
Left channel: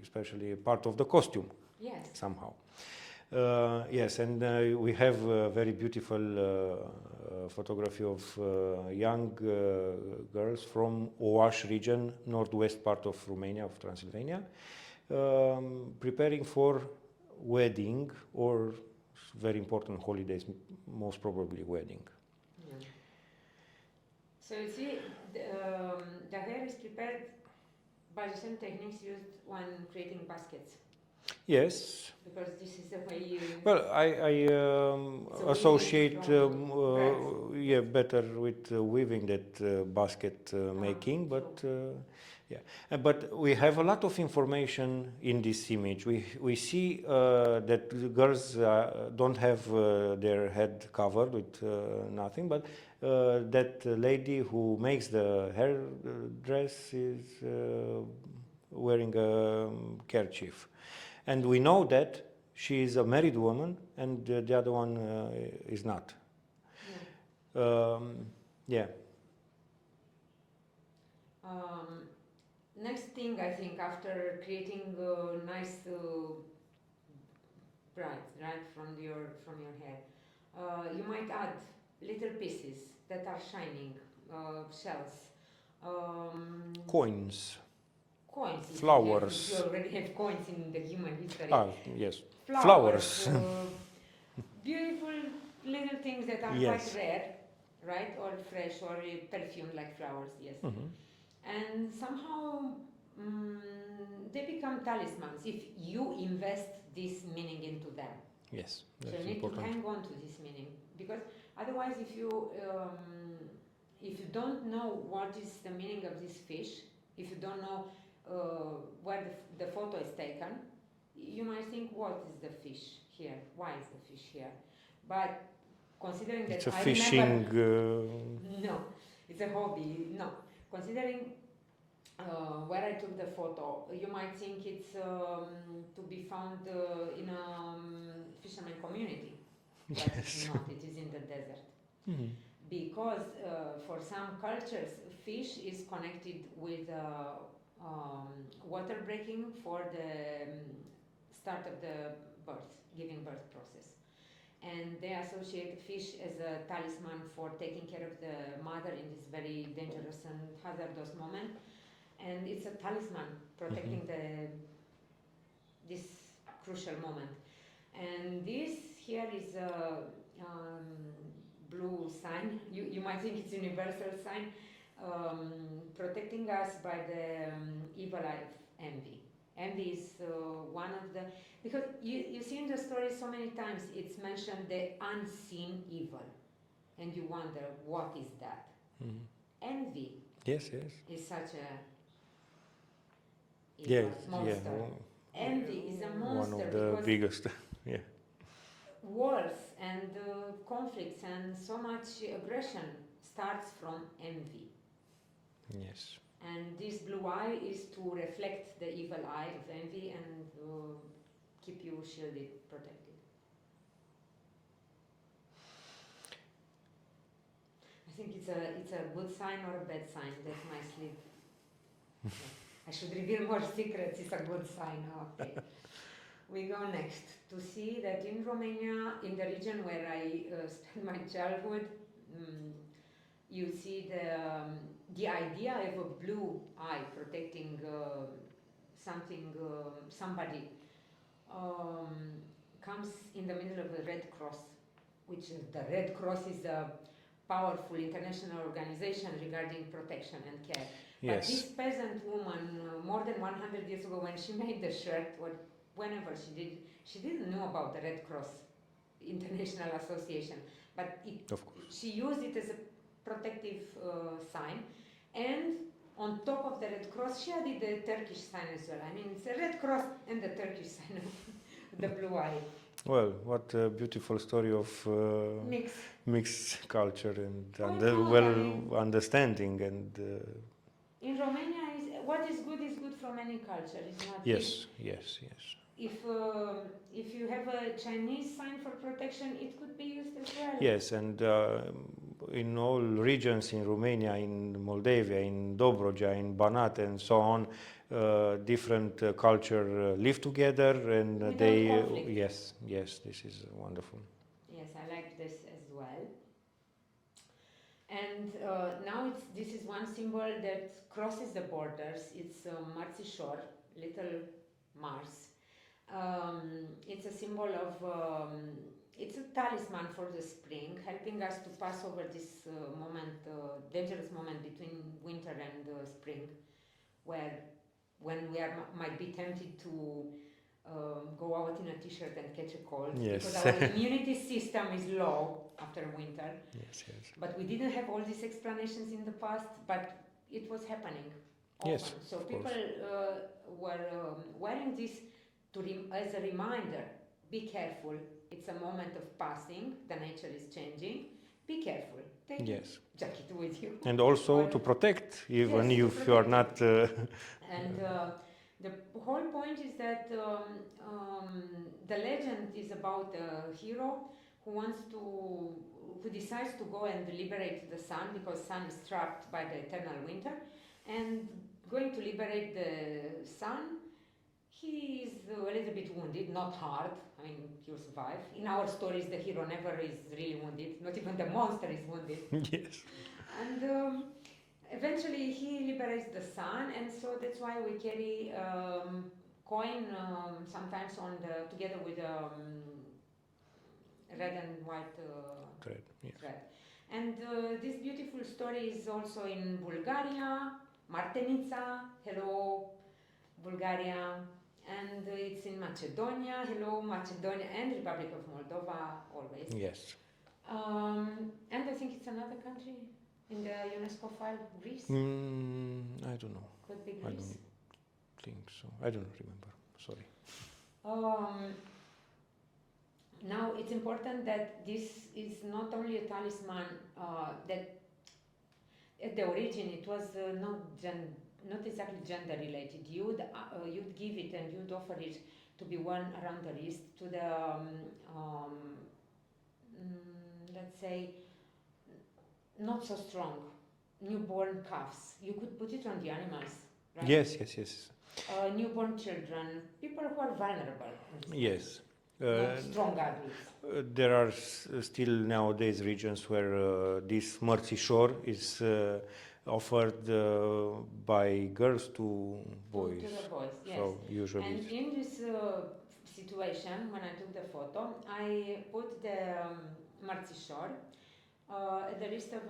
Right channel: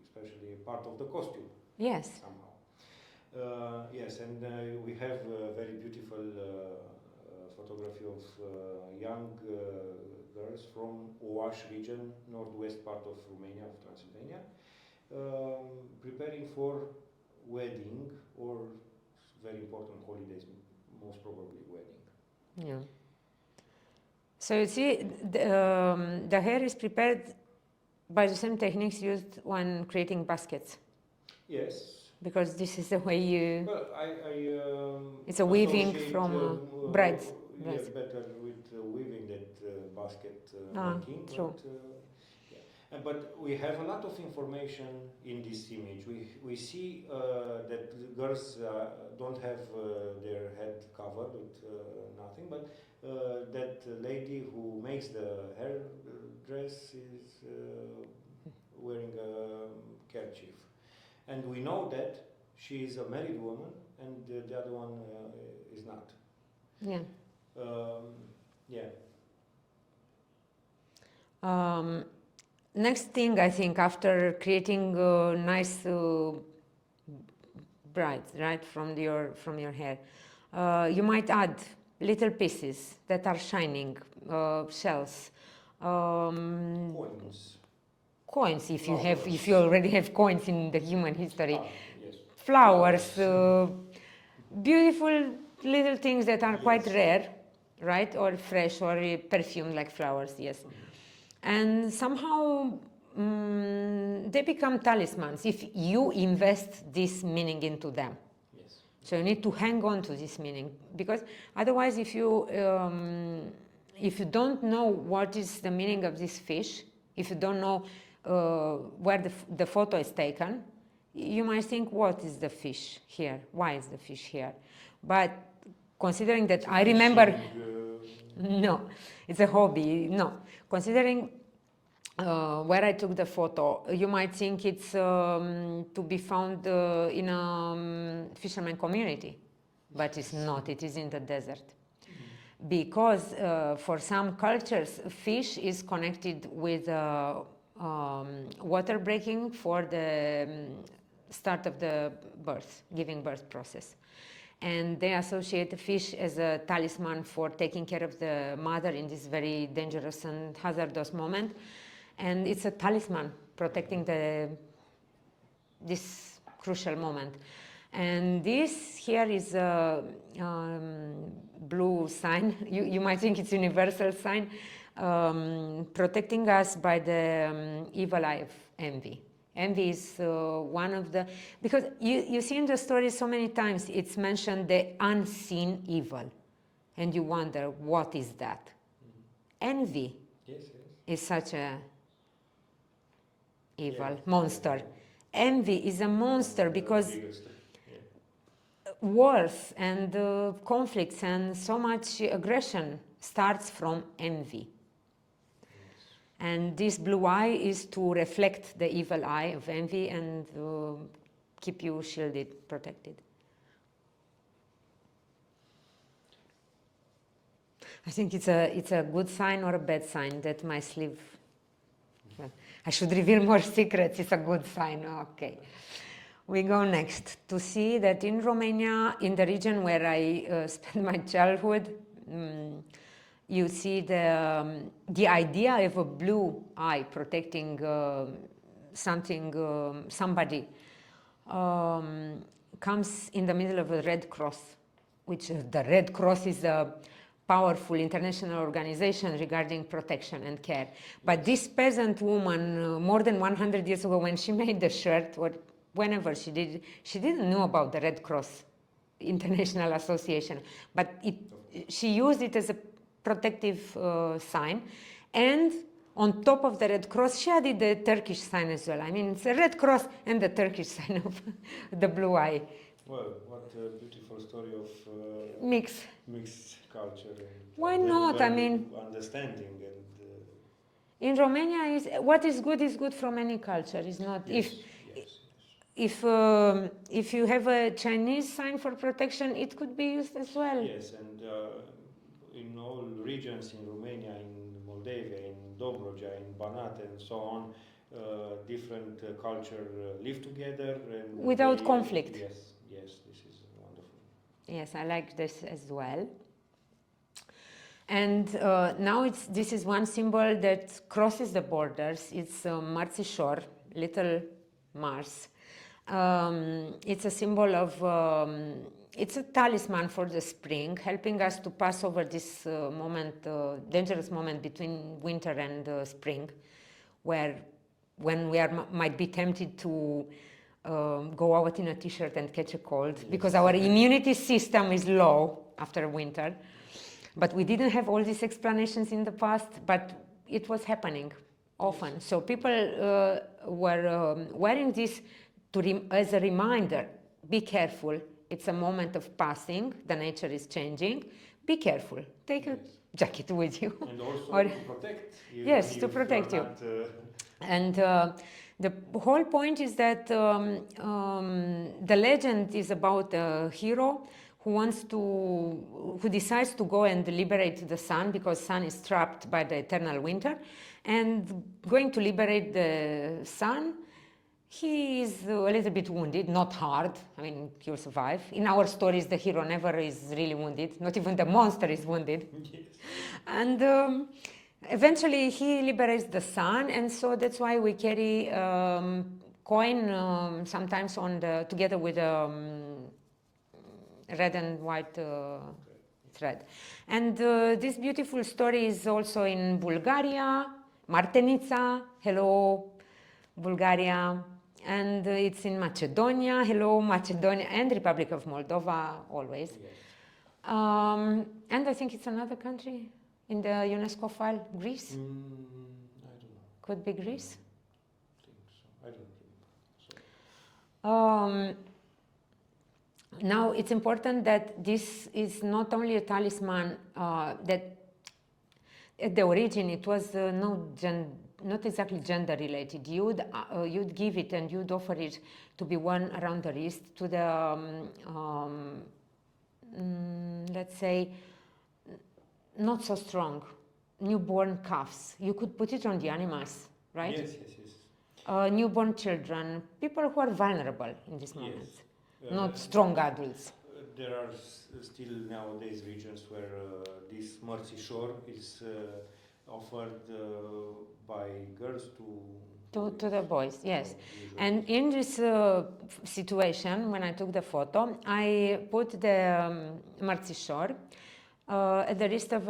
especially a part of the costume. Yes. Somehow. Yes, and we have a very beautiful photography of young girls from Oaș region, northwest part of Romania, of Transylvania, preparing for wedding or very important holidays, most probably wedding. Yeah. So you see, the hair is prepared by the same techniques used when creating baskets. Yes. Because this is the way you... Well, I it's a associate from brides. Yes. Better with weaving that basket making, but yeah. But we have a lot of information in this image. We see that girls don't have their head covered with nothing, but that lady who makes the hair dress is wearing a kerchief. And we know that she is a married woman and the other one is not. Yeah. Yeah. Next thing, I think, after creating nice brides, right, from your hair, you might add little pieces that are shining, shells, Coins. Coins, Flowers. if you already have coins in the human history. Yes. Flowers. Beautiful little things that are Yes. quite rare, right? Or fresh or perfumed like flowers, yes. Mm-hmm. And somehow they become talismans if you invest this meaning into them. Yes. So you need to hang on to this meaning, because otherwise if you don't know what is the meaning of this fish, if you don't know where the photo is taken, you might think, what is the fish here? Why is the fish here? But considering that I remember... No, it's a hobby, no. Considering where I took the photo, you might think it's to be found in a fisherman community, but it's not, it is in the desert. Mm-hmm. Because for some cultures, fish is connected with water breaking for the start of the giving birth process. And they associate the fish as a talisman for taking care of the mother in this very dangerous and hazardous moment. And it's a talisman protecting this crucial moment. And this here is a blue sign. You might think it's a universal sign, protecting us by the evil eye of envy. Envy is one of the... Because you see in the story so many times it's mentioned the unseen evil. And you wonder, what is that? Mm-hmm. Envy is such a evil monster. Yeah. Envy is a monster because biggest, wars and conflicts and so much aggression starts from envy. Yes. And this blue eye is to reflect the evil eye of envy and keep you shielded, protected. I think it's a good sign or a bad sign that my sleeve. I should reveal more secrets. It's a good sign. Okay. We go next to see that in Romania, in the region where I spent my childhood, you see the idea of a blue eye protecting something, somebody, comes in the middle of a Red Cross, which the Red Cross is a powerful international organization regarding protection and care. But this peasant woman, more than 100 years ago, when she made the shirt, or whenever she did, she didn't know about the Red Cross International Association, but she used it as a protective sign, and on top of the Red Cross she added the Turkish sign as well. I mean, it's a Red Cross and the Turkish sign of the blue eye. Well, what a beautiful story of mixed culture and understanding and. In Romania, what is good from any culture. Is not. Yes. If you have a Chinese sign for protection, it could be used as well. Yes, and in all regions in Romania, in Moldavia, in Dobroja, in Banat, and so on, different culture live together and without conflict. Yes, this is wonderful. Yes, I like this as well. And now this is one symbol that crosses the borders. It's Mărțișor, little Mars. It's a symbol of, it's a talisman for the spring, helping us to pass over this dangerous moment between winter and spring, when we might be tempted to go out in a t-shirt and catch a cold, because our immunity system is low after winter. But we didn't have all these explanations in the past, but it was happening often. Yes, so people were wearing this as a reminder, be careful, it's a moment of passing, the nature is changing, be careful, take your jacket with you. And also to protect, even if you are not... And the whole point is that the legend is about a hero who decides to go and liberate the sun, because sun is trapped by the eternal winter, and going to liberate the sun, he is a little bit wounded, not hard, I mean, he'll survive. In our stories, the hero never is really wounded, not even the monster is wounded. Yes. And eventually he liberates the sun, and so that's why we carry coin sometimes together with red and white thread. And this beautiful story is also in Bulgaria, Martenița, hello Bulgaria, and it's in Macedonia, hello Macedonia, and Republic of Moldova, always. Yes. And I think it's another country in the UNESCO file, Greece? I don't know. Could be Greece? I think so. I don't remember, sorry. Now, it's important that this is not only a talisman, that at the origin it was not exactly gender related. You'd give it and you'd offer it to be worn around the wrist to the, let's say, not so strong, newborn calves. You could put it on the animals, right? Yes. Newborn children, people who are vulnerable in this moment. Yes. Not strong adults. There are still nowadays regions where this mărțișor is offered by girls to boys. To the boys, yes. So and in this situation, when I took the photo, I put the mărțișor at the wrist of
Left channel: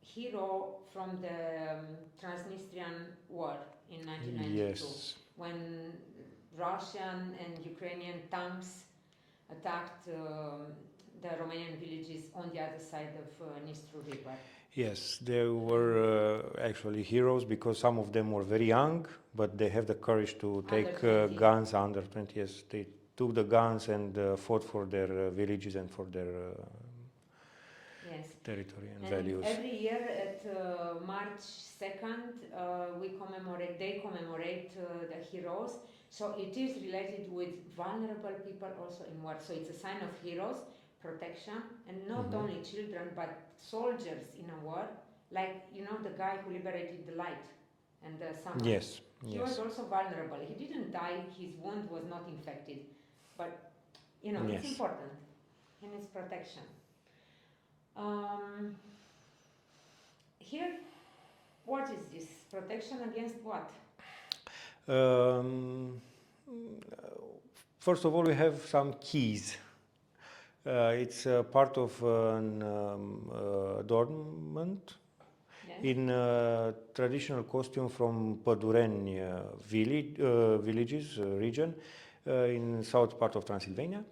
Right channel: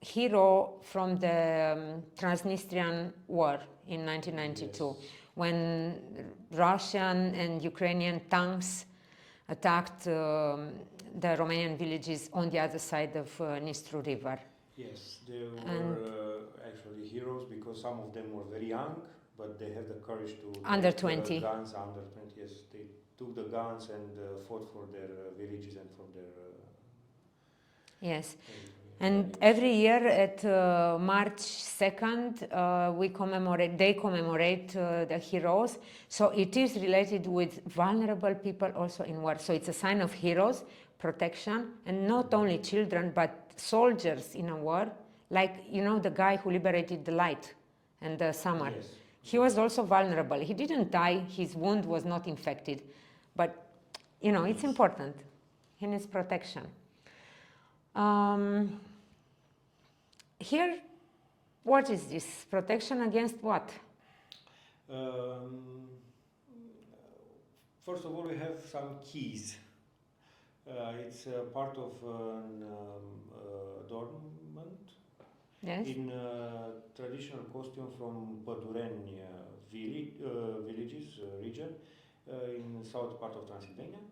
hero from the Transnistrian War in 1992. Yes. When Russian and Ukrainian tanks attacked the Romanian villages on the other side of Nistru River. Yes, they were actually heroes, because some of them were very young, but they have the courage to take guns. Under 20, yes, they took the guns and fought for their villages and for their Yes. territory And values. every year at March 2nd, they commemorate the heroes. So it is related with vulnerable people also in war. So it's a sign of heroes, protection, and not only children, but soldiers in a war. Like, you know, the guy who liberated the light and the summer. Yes. He was also vulnerable. He didn't die. His wound was not infected. But, you know, it's important. He needs protection. Here, what is this? Protection against what? First of all, we have some keys. It's part of an adornment. Yes. In traditional costume from Pădureni villages, region, in south part of Transylvania.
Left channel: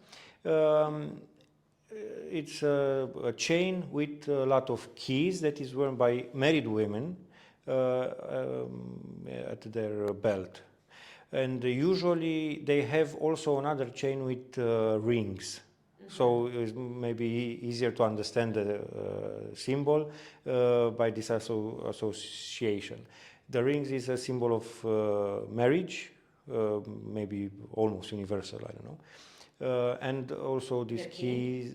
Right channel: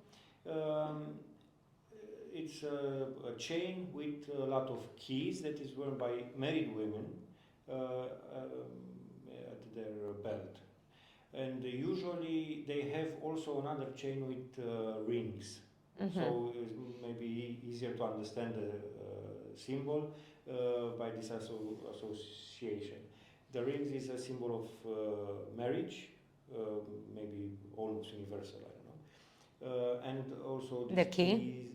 It's a chain with a lot of keys that is worn by married women at their belt. And usually they have also another chain with rings. So it's maybe easier to understand the symbol by this association. The rings is a symbol of marriage, maybe almost universal, I don't know. And also these keys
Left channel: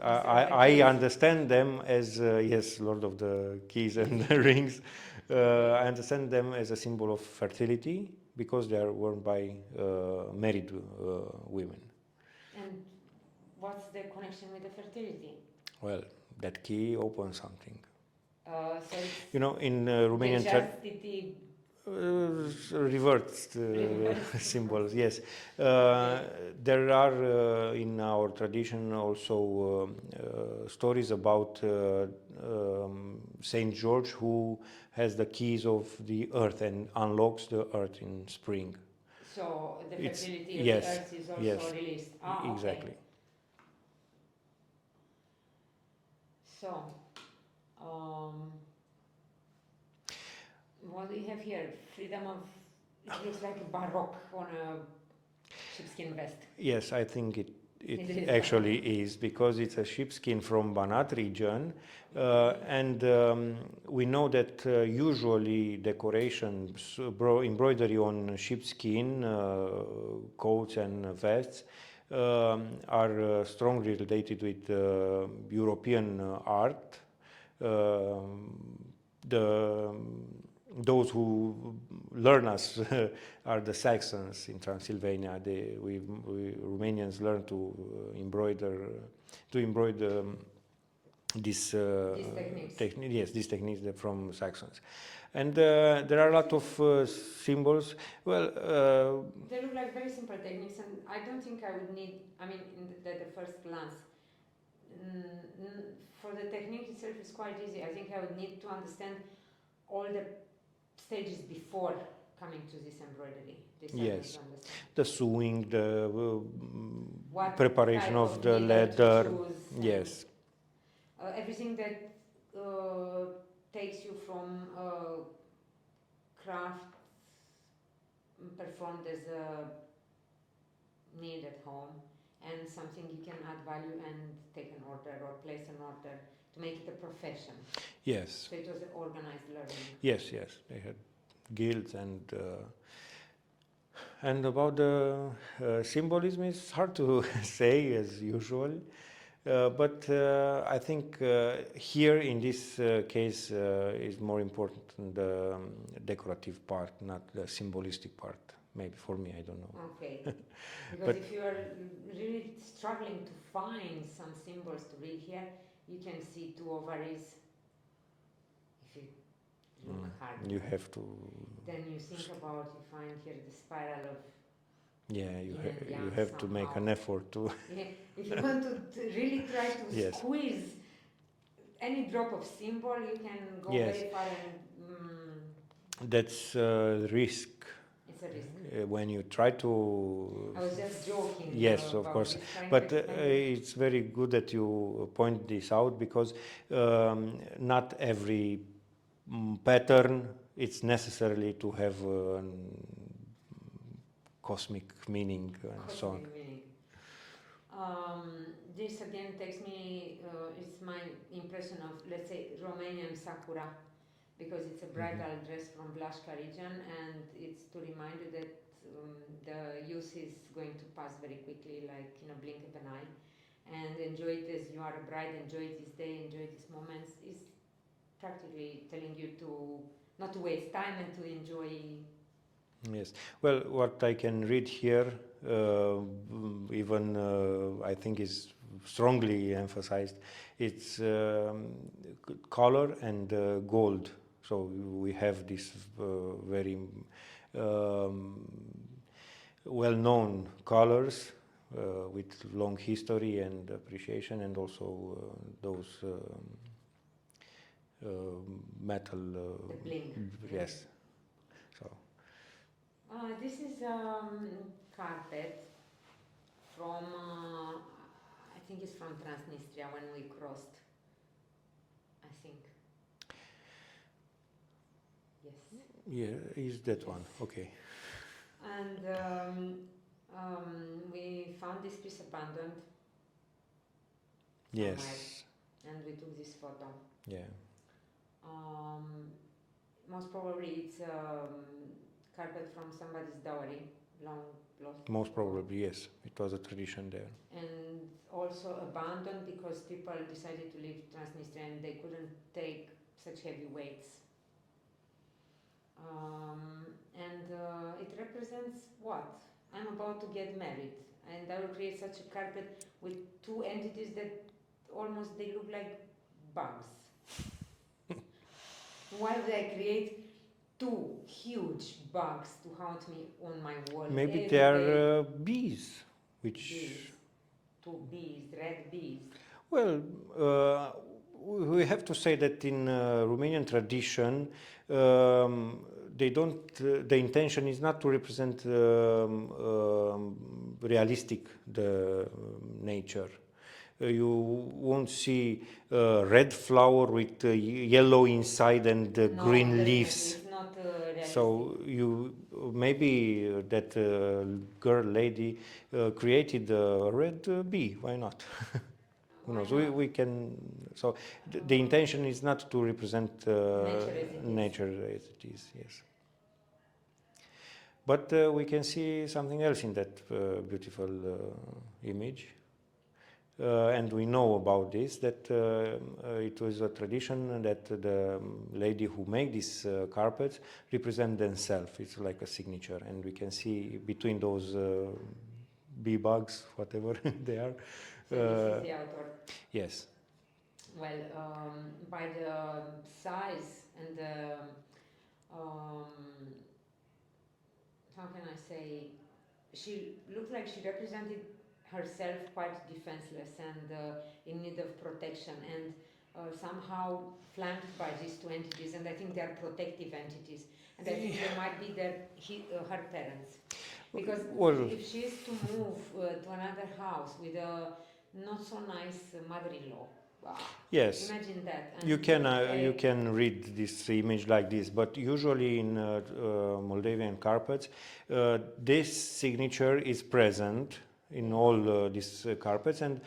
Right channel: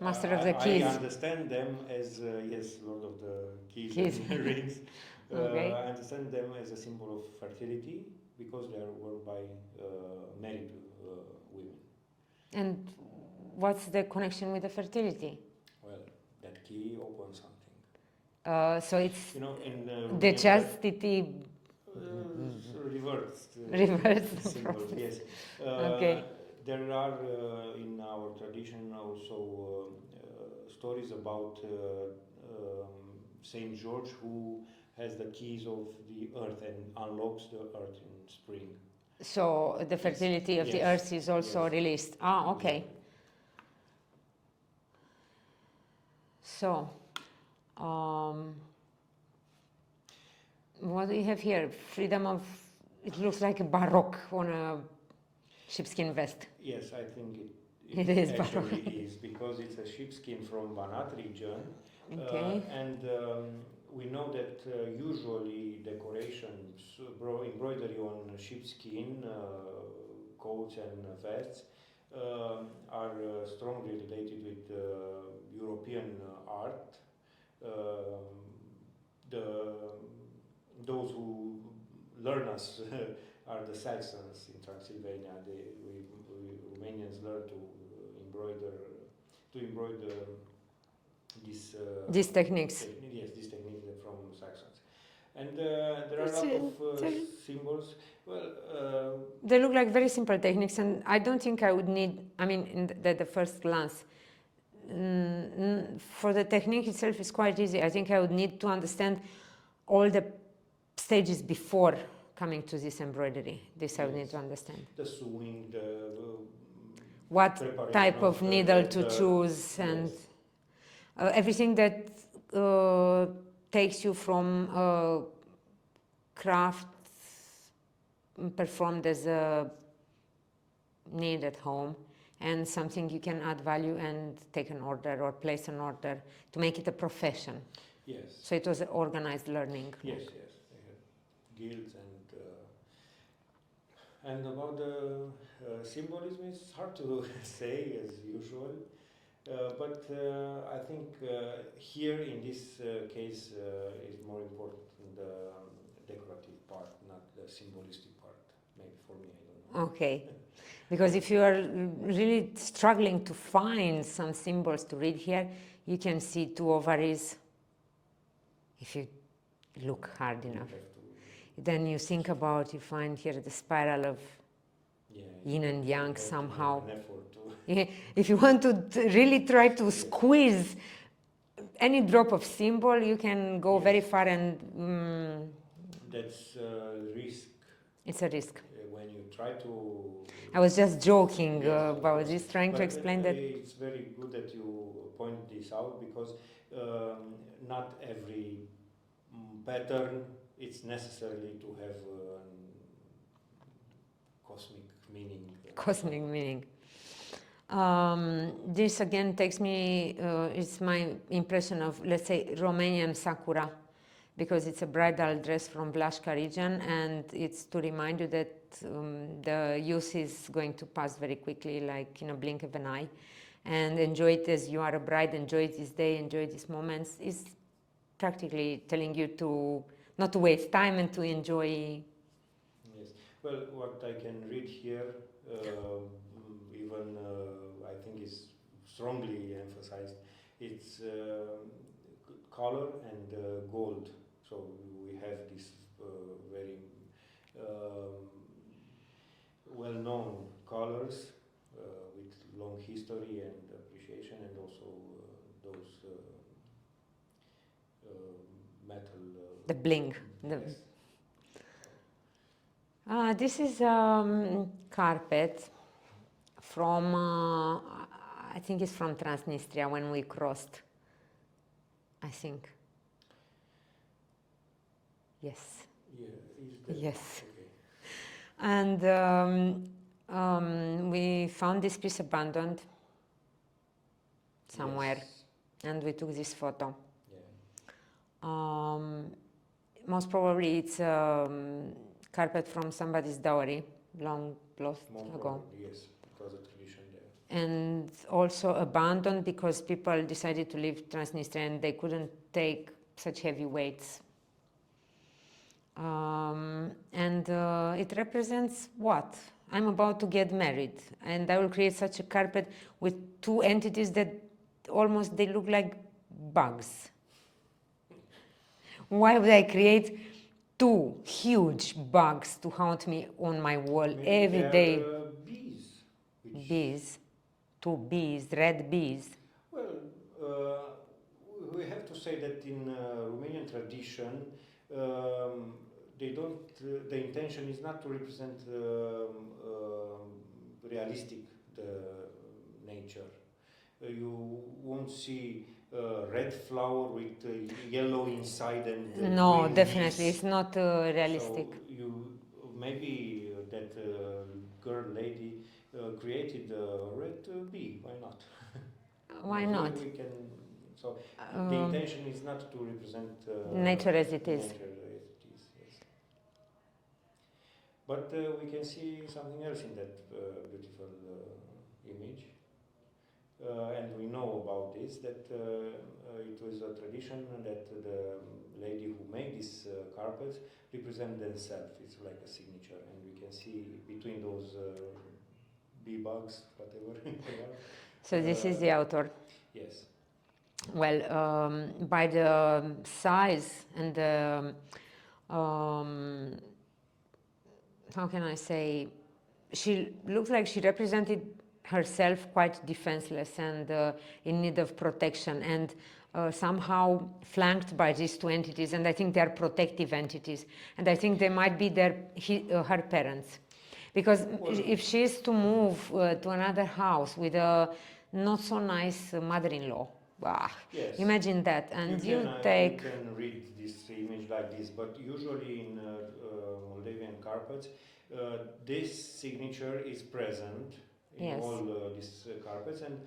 I understand them as, yes, Lord of the Keys and the Rings. I understand them as a symbol of fertility because they are worn by married women. And what's the connection with the fertility? Well, that key opens something. So it's, you know, in Romanian the chastity reversed symbols. Yes. There are in our tradition also stories about Saint George, who has the keys of the earth and unlocks the earth in spring. So the fertility of the earth is also released. Ah, okay. Exactly. So, what do you have here? Freedom of, it looks like a baroque on a sheepskin vest. Yes, I think it actually is, because it's a sheepskin from Banat region. And we know that usually decorations, embroidery on sheepskin, coats and vests are strongly related with European art. Those who learn us are the Saxons in Transylvania. We Romanians learn to embroider these techniques. Yes, these techniques from Saxons. And there are a lot of symbols. Well, they look like very simple techniques, and I don't think I would need, I mean, in the first glance, for the technique itself is quite easy. I think I would need to understand all the stages before coming to this embroidery. This I would need to understand. The sewing, the what preparation type of needle leather, to choose, and everything that takes you from craft performed as a need at home, and something you can add value and take an order or place an order to make it a profession. Yes. So it was organized learning. Yes, yes. They had guilds and about the symbolism, it's hard to say as usual. But I think here in this case is more important the decorative part, not the symbolistic part. Maybe for me, I don't know. Okay, because if you are really struggling to find some symbols to read here, you can see two ovaries. If you look hard enough, you have to. Then you think about, you find here the spiral of yin and yang you have somehow. to make an effort to. If you want to really try to squeeze any drop of symbol, you can go very far, and that's the risk. It's a risk. When you try to. I was just joking about this, trying to explain that. It's very good that you point this out, because not every pattern it's necessarily to have cosmic meaning. Cosmic meaning. This again takes me, it's my impression of, let's say, Romanian sakura, because it's a bridal dress from Blașca region, and it's to remind you that the youth is going to pass very quickly, like in a blink of an eye, and enjoy it as you are a bride, enjoy this day, enjoy these moments. Is practically telling you to not to waste time and to enjoy. Yes. Well, what I can read here, even I think is strongly emphasized, it's color and gold. So we have this very well-known colors with long history and appreciation, and also those metal. The bling. Yes. This is carpet from, I think it's from Transnistria when we crossed, I think. Yes. Yeah, is that yes. one? Okay. And we found this piece abandoned somewhere, yes. and we took this photo. Yeah. Most probably it's carpet from somebody's dowry, long lost. Most ago. probably, yes. It was a tradition there. And also abandoned because people decided to leave Transnistria and they couldn't take such heavy weights. And it represents what? I'm about to get married, and I will create such a carpet with two entities that almost they look like bugs. Why would I create two huge bugs to haunt me on my wall Maybe every they day? are bees. Which Bees, two bees, red bees. Well, we have to say that in Romanian tradition, they don't. The intention is not to represent realistic the nature. You won't see red flower with yellow inside and No, green definitely, leaves. it's not realistic. So you maybe that girl lady created a red bee. Why not? Why No, not? we can. So the intention is not to represent nature as it is. Nature as it is. Yes. But we can see something else in that beautiful image. And we know about this, that it was a tradition that the lady who make these carpets represent themselves. It's like a signature, and we can see between those bee bugs, whatever they are. So this is the author. Yes. Well, by the size and the, how can I say, she looks like she represented herself quite defenseless and in need of protection, and somehow flanked by these two entities, and I think they are protective entities, and I think they might be her parents, because if she is to move to another house with a not so nice mother-in-law, yes, imagine that. And you can read this image like this, but usually in Moldavian carpets, this signature is present in all these carpets, and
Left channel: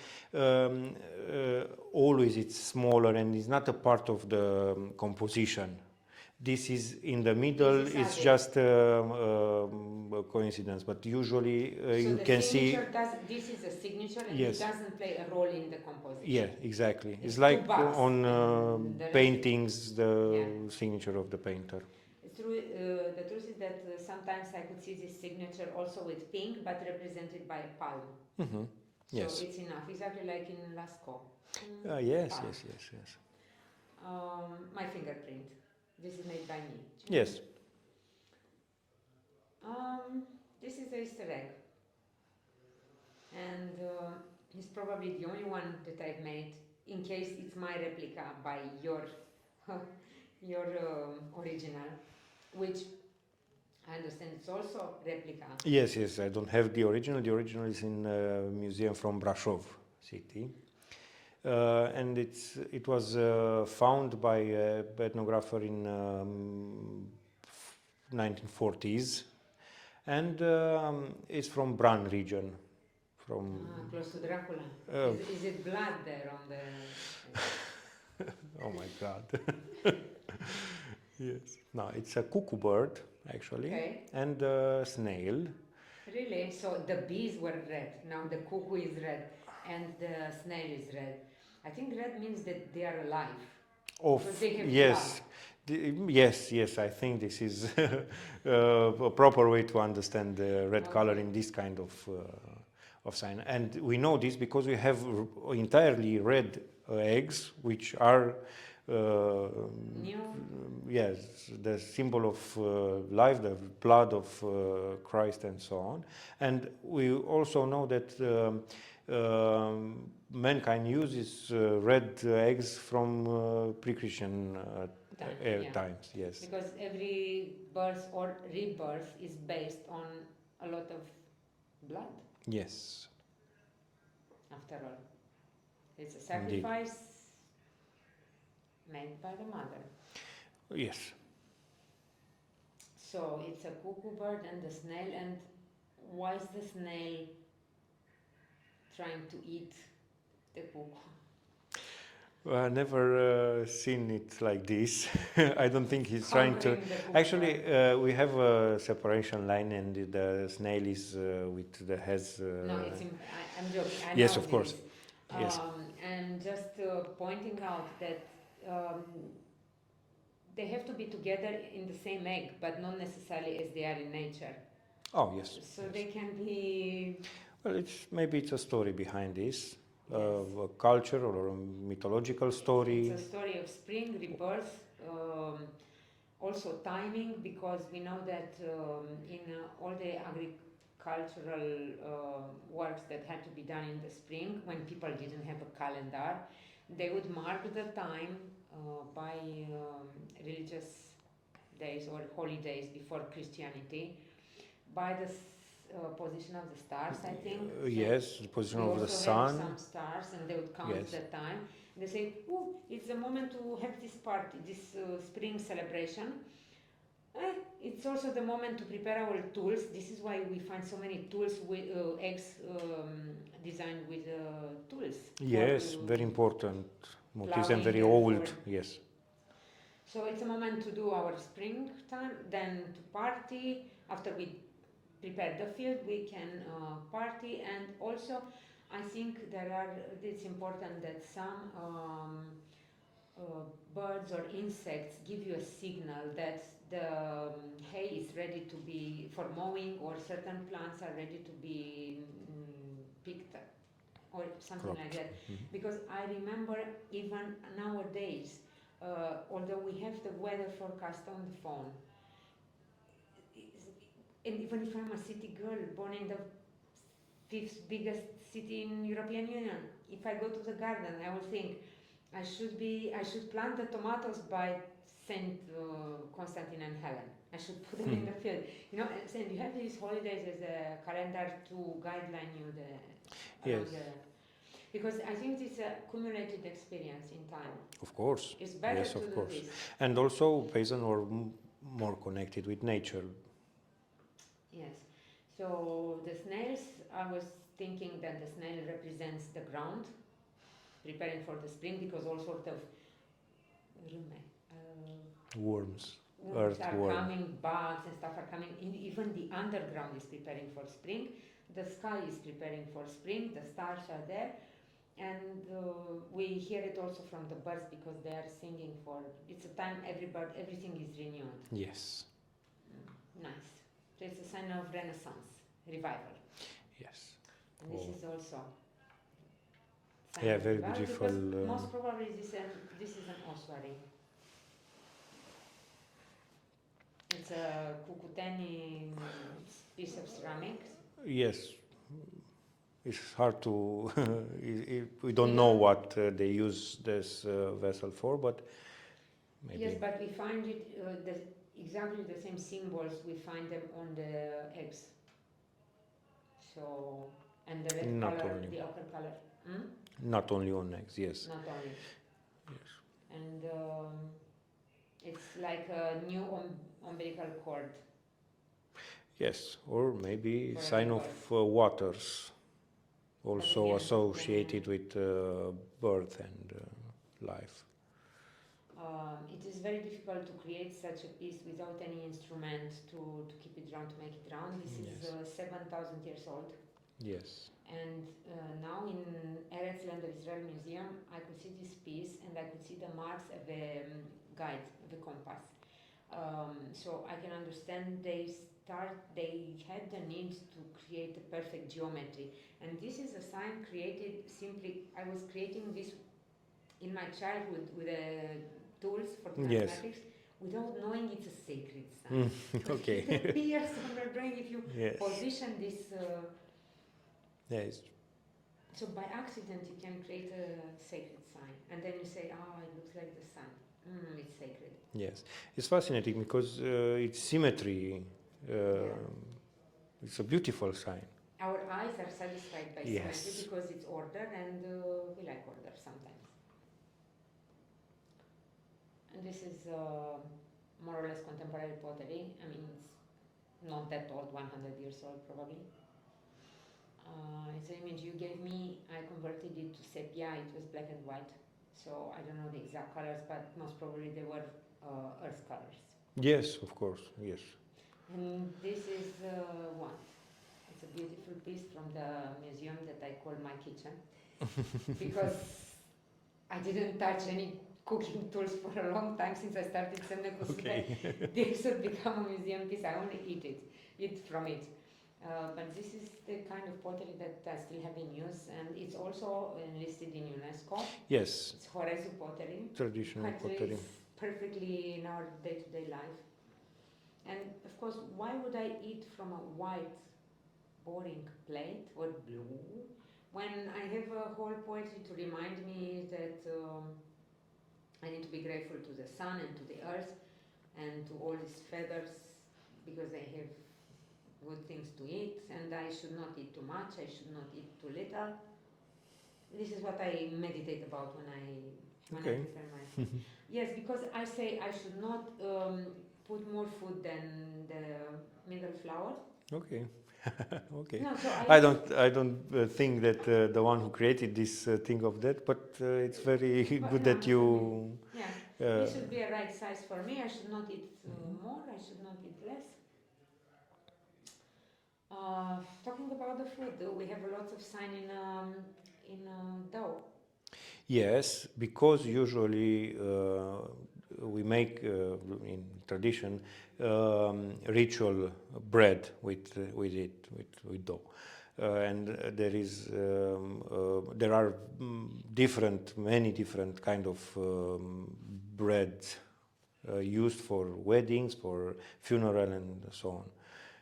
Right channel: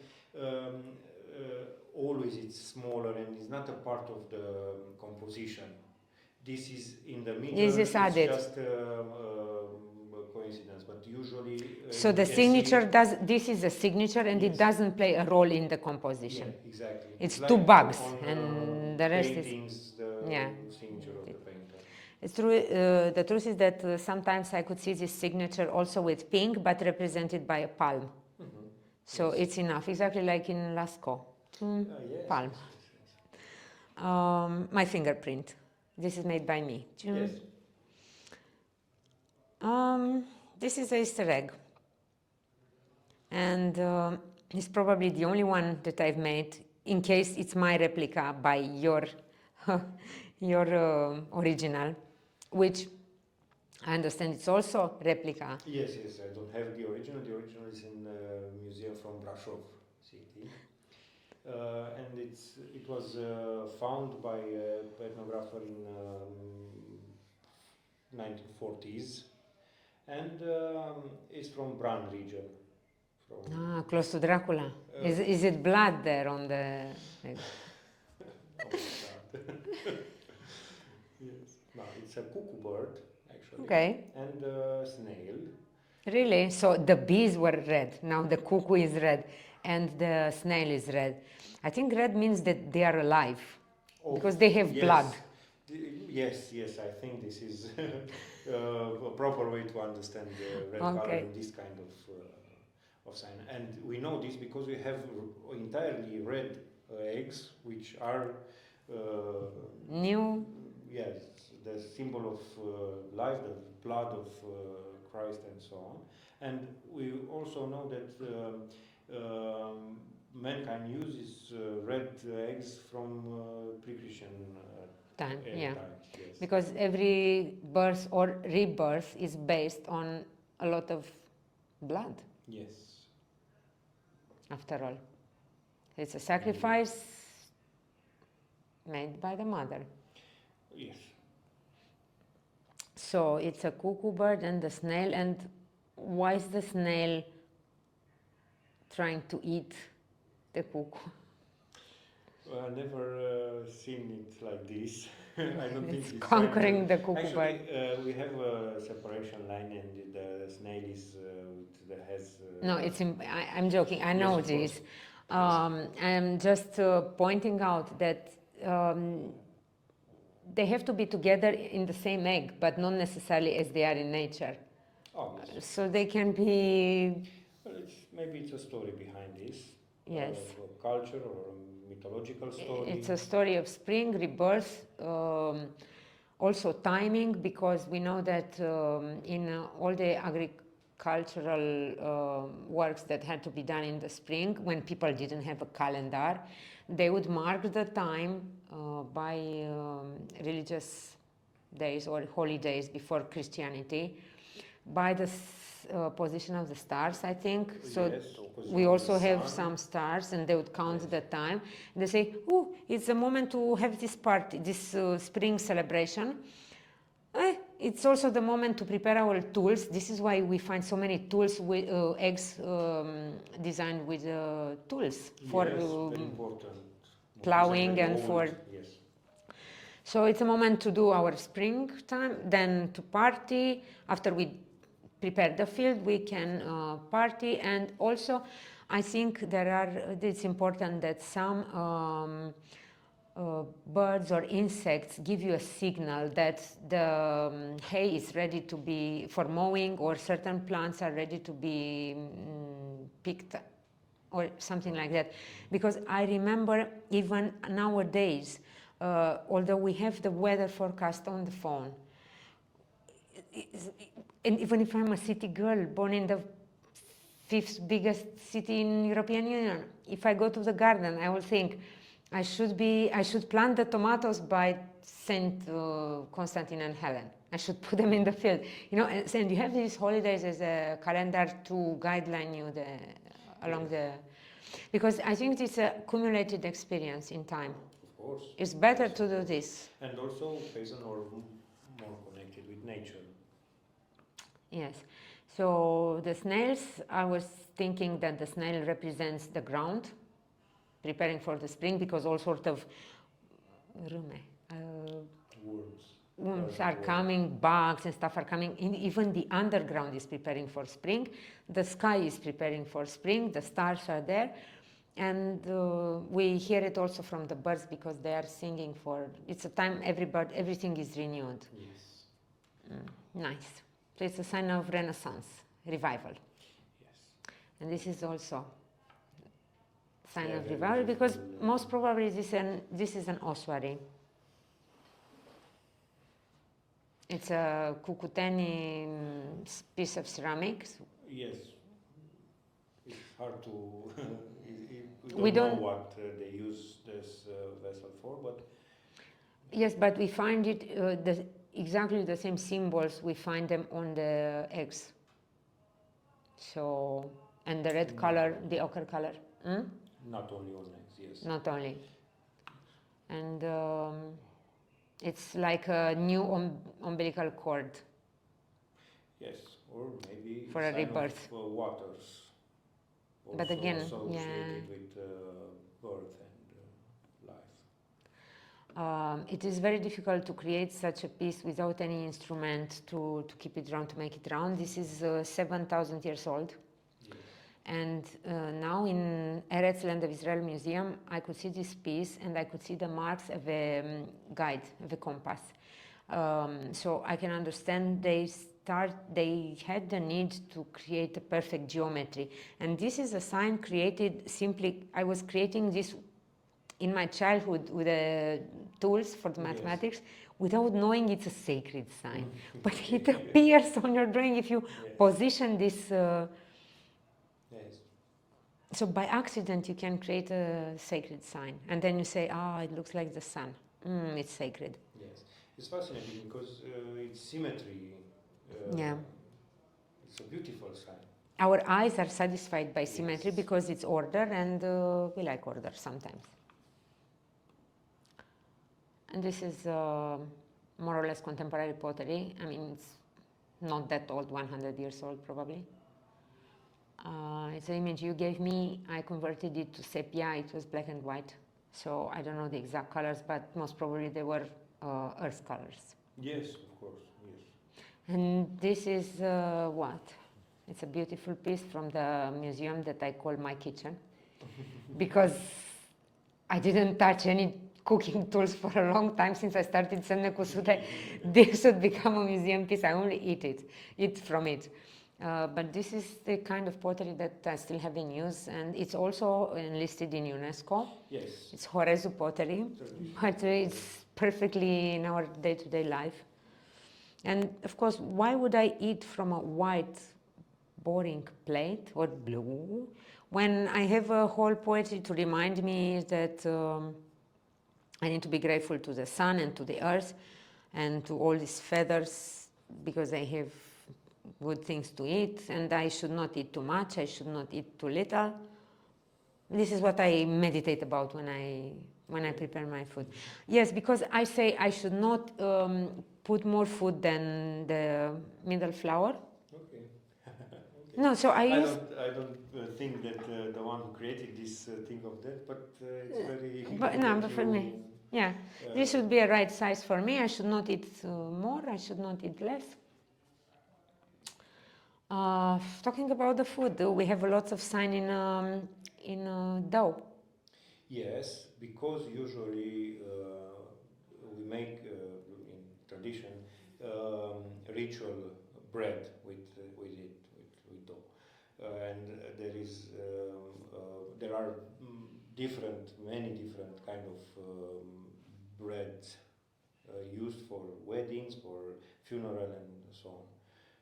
always it's smaller and it's not a part of the composition. This is in the middle, it's added. just a coincidence, but usually so the signature this is a signature, and it doesn't play a role in the composition. Yeah, exactly. It's like two bugs on the paintings, the signature of the painter. It's true. The truth is that sometimes I could see this signature also with pink, but represented by a palm. Mm-hmm. So it's enough, exactly like in Lascaux. Yes, palm. yes. My fingerprint. This is made by me. Yes. This is an Easter egg, and it's probably the only one that I've made. In case it's my replica by your original, which I understand it's also replica. Yes, yes. I don't have the original. The original is in a museum from Brașov city, and it was found by an ethnographer in 1940s, and it's from Bran region, from. Close to Dracula. Uh, Is it blood there on the? Oh my God. Yes. No, it's a cuckoo bird actually, Okay. and a snail. Really? So the bees were red. Now the cuckoo is red, and the snail is red. I think red means that they are alive because they have blood. Yes, yes. I think this is a proper way to understand the red color in this kind of sign. And we know this because we have entirely red eggs, which are New. yes, the symbol of life, the blood of Christ, and so on. And we also know that mankind uses red eggs from pre-Christian times. Yes, Because every birth or rebirth is based on a lot of blood. Yes. After all, it's a sacrifice made by the mother. Yes. So it's a cuckoo bird and the snail. And why is the snail trying to eat the cuckoo? Well, I never seen it like this. I don't think he's Conquering trying the to. cuckoo Actually, bird. we have a separation line, and the snail is with the has. No, I'm joking. I know Yes, of this. course. Yes. I'm just pointing out that they have to be together in the same egg, but not necessarily as they are in nature. Oh yes. So they can be. Well, maybe it's a story behind this. Yes. A culture or a mythological story. It's a story of spring, rebirth, also timing, because we know that in all the agricultural works that had to be done in the spring, when people didn't have a calendar, they would mark the time by religious days or holidays before Christianity, by the position of the stars, I think. So yes, position we of also the have sun. some stars, and they would count Yes. the time. And they say, "Oh, it's a moment to have this party, this spring celebration." It's also the moment to prepare our tools. This is why we find so many tools with eggs designed with tools. Yes, very important. Plowing very and old. for. Yes. So it's a moment to do our springtime, then to party. After we prepare the field, we can party. And also, I think it's important that some birds or insects give you a signal that the hay is ready to be for mowing, or certain plants are ready to be picked, or something like that. Because I remember even nowadays, although we have the weather forecast on the phone, and even if I'm a city girl born in the 5th biggest city in European Union, if I go to the garden, I will think I should plant the tomatoes by Saint Constantine and Helen. I should put them in the field, and you have these holidays as a calendar to guideline you along the. Because I think it's a cumulated experience in time. Of course. It's better Yes, to do course. this. And also peasant or more connected with nature. Yes. So the snails, I was thinking that the snail represents the ground, preparing for the spring, because all sort of Worms. are coming, bugs and stuff are coming. Even the underground is preparing for spring. The sky is preparing for spring. The stars are there. And we hear it also from the birds, because they are singing for. It's a time everything is renewed. Yes. Nice. So it's a sign of renaissance, revival. Yes. And this is also sign of revival, because most probably this is an ossuary. It's a Cucuteni piece of ceramics. Yes. It's hard to. We don't know what they use this vessel for, but. Yes, but we find it exactly the same symbols. We find them on the eggs. So, and the red color, the ochre color. Not only on eggs, yes. Not only. Yes. And it's like a new umbilical cord. Yes, or maybe for sign of waters. also again, associated with birth and life. It is very difficult to create such a piece without any instrument to keep it round, to make it round. This is 7,000 years old. Yes. And now in Eretz Land of Israel Museum, I could see this piece and I could see the marks of a guide, of a compass. So I can understand they had the need to create a perfect geometry. And this is a sign created simply, I was creating this in my childhood with the tools for the mathematics without knowing it's a sacred sign. But it appears on your drawing if you position this. So by accident you can create a sacred sign. And then you say, it looks like the sun. It's sacred. Yes. It's fascinating because it's symmetry. It's a beautiful sign. Our eyes are satisfied by symmetry because it's order, and we like order sometimes. And this is more or less contemporary pottery. I mean, it's not that old, 100 years old probably. It's an image you gave me. I converted it to sepia. It was black and white. So I don't know the exact colors, but most probably they were earth colors. Yes, of course, yes. And this is what? It's a beautiful piece from the museum that I call my kitchen. Because I didn't touch any cooking tools for a long time since I started Semne Cusute. This should become a museum piece. I only eat from it. But this is the kind of pottery that I still have in use, and it's also enlisted in UNESCO. Yes. It's Horezu pottery. Traditional pottery. It's perfectly in our day-to-day life. And of course, why would I eat from a white, boring plate or blue when I have a whole poetry to remind me that I need to be grateful to the sun and to the earth and to all these feathers because I have good things to eat, and I should not eat too much, I should not eat too little. This is what I meditate about when I prepare my food. Yes, because I say I should not put more food than the middle flour. Okay. Okay. No, so I don't think that the one who created this think of that, but it's very good that you. This should be a right size for me. I should not eat more. I should not eat less. Talking about the food, we have lots of sign in dough. Yes, because usually we make in tradition ritual bread with dough, and there are many different kind of bread used for weddings, for funeral, and so on.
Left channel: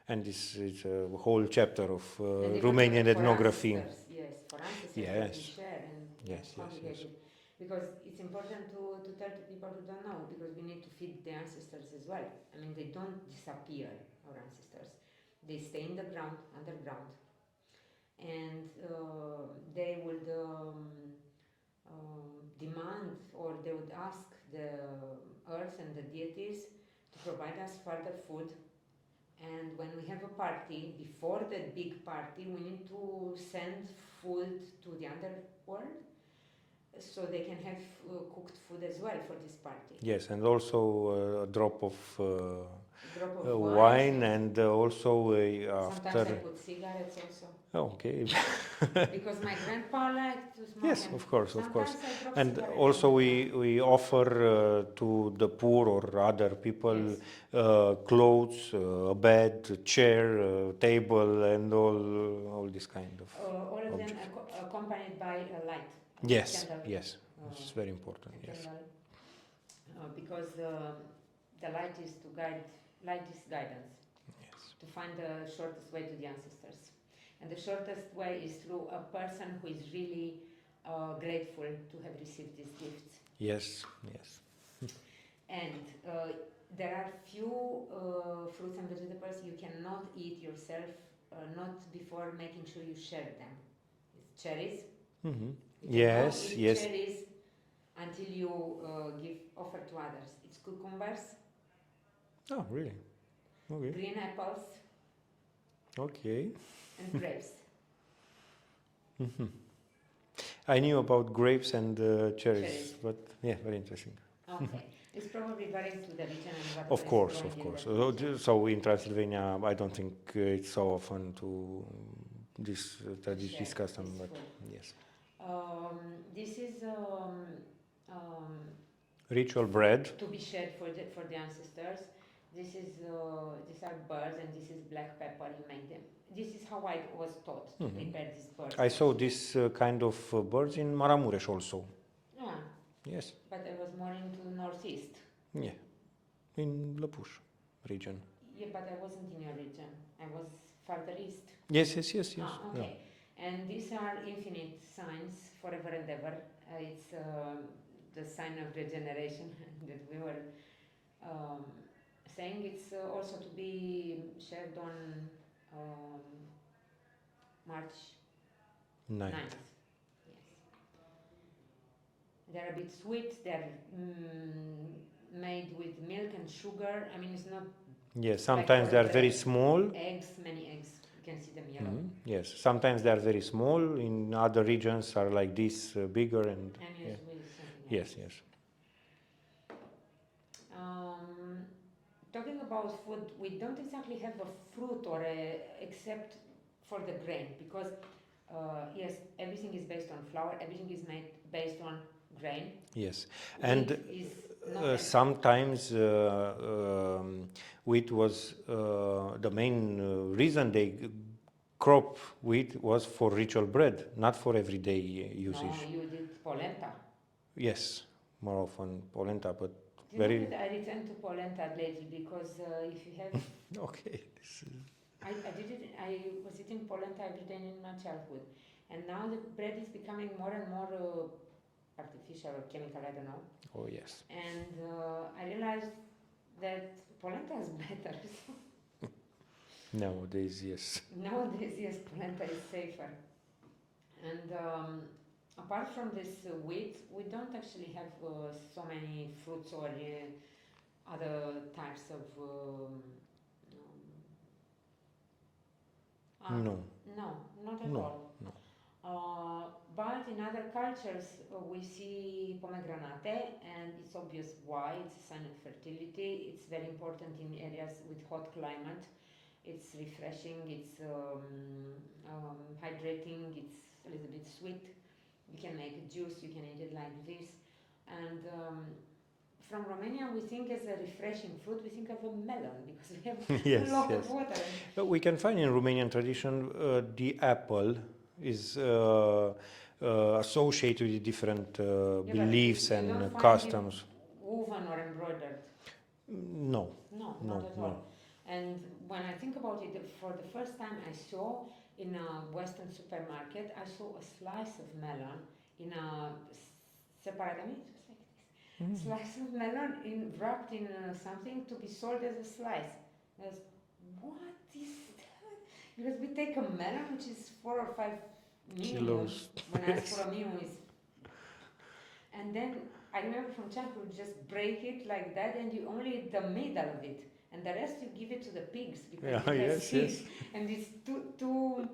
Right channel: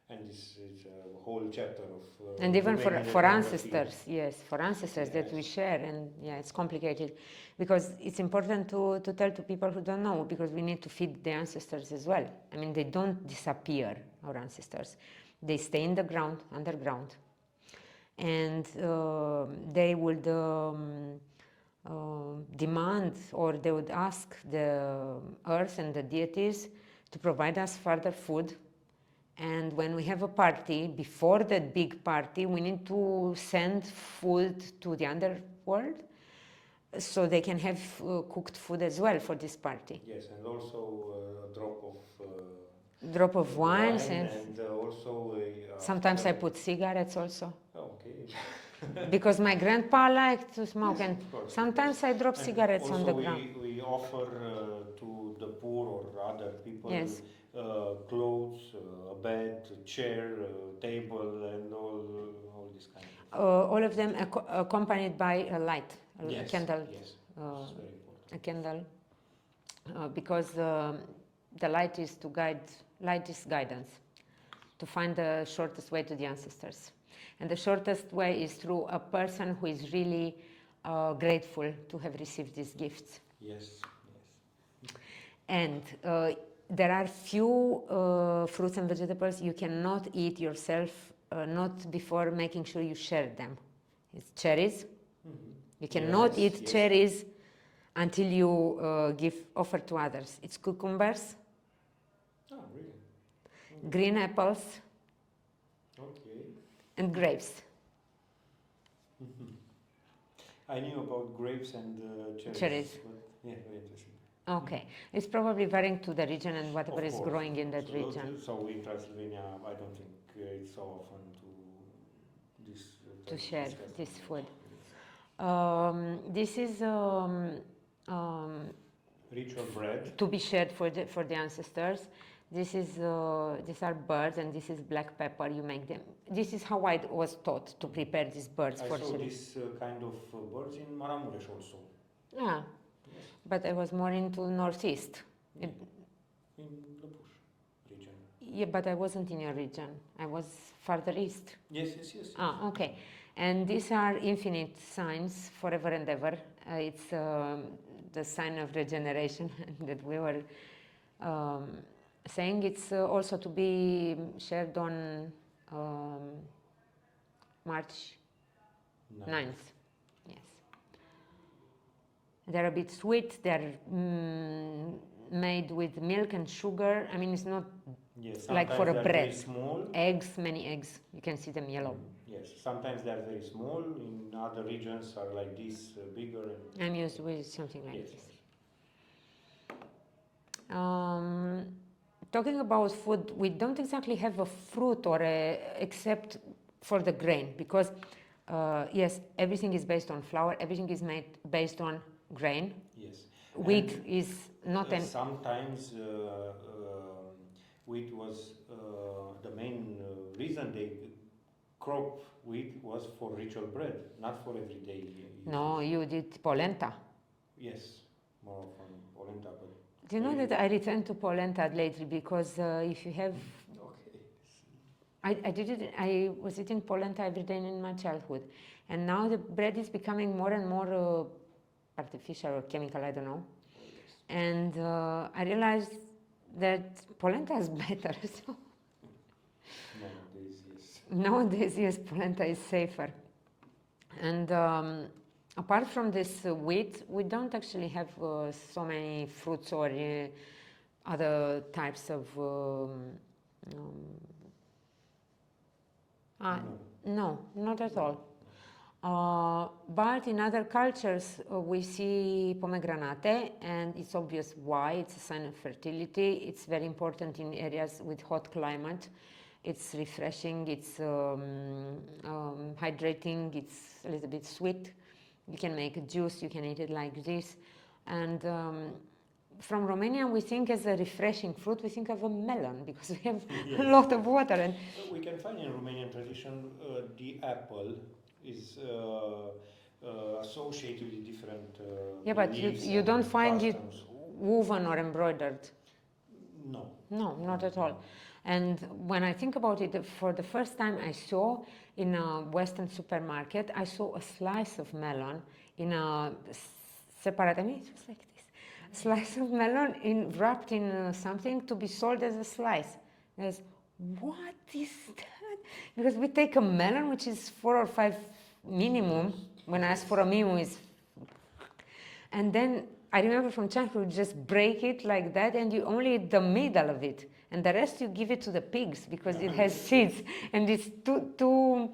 And this is a whole chapter of and even Romanian for ethnography. ancestors, for ancestors that we share, and it's complicated because it's important to tell to people who don't know, because we need to feed the ancestors as well. I mean, they don't disappear, our ancestors. They stay in the ground, underground, and they would demand, or they would ask the earth and the deities to provide us further food. And when we have a party, before that big party, we need to send food to the underworld so they can have cooked food as well for this party. Yes, and also a drop of wine and also sometimes I put cigarettes also. Oh, okay. Because my grandpa liked to smoke, yes, and of course, sometimes I drop and cigarettes also on the ground. we offer to the poor or other people clothes, a bed, a chair, a table, and all this kind of all of them accompanied by a light, a candle. Yes, it's very important. A candle, because the light is guidance, to find the shortest way to the ancestors. And the shortest way is through a person who is really grateful to have received these gifts. Yes. And there are few fruits and vegetables you cannot eat yourself, not before making sure you share them. It's cherries. Mm-hmm. You cannot eat cherries until you offer to others. It's cucumbers. Oh, really? Okay. Green apples. Okay. And grapes. Mhm. I knew about grapes and cherries, Cherries. but yeah, very interesting. Okay, it's probably varying to the region and whatever Of course, is growing in that So, region. so in Transylvania, I don't think it's so often to this Share discuss them. this But food. yes, This is um, ritual bread. to be shared for the ancestors. This is these are birds and this is black pepper. You make them. This is how I was taught to prepare these birds. I for saw chili. this kind of birds in Maramuresh also. Yeah, Yes. but I was more into northeast. Yeah. In Lăpuș region. Yeah, but I wasn't in your region. I was farther east. Yes. Ah, okay. And these are infinite signs, forever and ever. It's the sign of regeneration that we were saying. It's also to be shared on March 9th. Yes. They're a bit sweet. They're made with milk and sugar. I mean, it's not Yes, like sometimes for a they are very bread. small. Eggs, many eggs. You can see them yellow. Yes, sometimes they are very small. In other regions are like this, bigger and. I'm used with something like Yes, this. yes. Talking about food, we don't exactly have a fruit or except for the grain because yes, everything is based on flour. Everything is made based on grain. Yes, Wheat and is not sometimes wheat was the main reason they crop wheat was for ritual bread, not for everyday usage. No, you did polenta. Yes, more often polenta, but. Do you know that I returned to polenta lately because if you have. Okay. I was eating polenta every day in my childhood, and now the bread is becoming more and more artificial or chemical. I don't know. Oh yes. And I realized that polenta is better. So Nowadays, yes. nowadays, yes, polenta is safer. And apart from this wheat, we don't actually have so many fruits or other types of. No, not at all. No. But in other cultures, we see pomegranate, and it's obvious why. It's a sign of fertility. It's very important in areas with hot climate. It's refreshing, it's hydrating, it's a little bit sweet. You can make a juice, you can eat it like this. And from Romania, we think as a refreshing fruit, we think of a melon because we have a lot of water. And we can find in Romanian tradition the apple is associated with different beliefs you and don't customs. Find it woven or embroidered. No. No, not at all. And when I think about it, for the first time I saw in a Western supermarket, I saw a slice of melon in a separate, I mean, it was like this, slice of melon wrapped in something to be sold as a slice. There's, what is that? Because we take a melon, which is 4 or 5 minimum, when I ask for a minimum, is, and then I remember from childhood, just break it like that, and you only eat the middle of it. And the rest you give it to the pigs because it has seeds, and it's too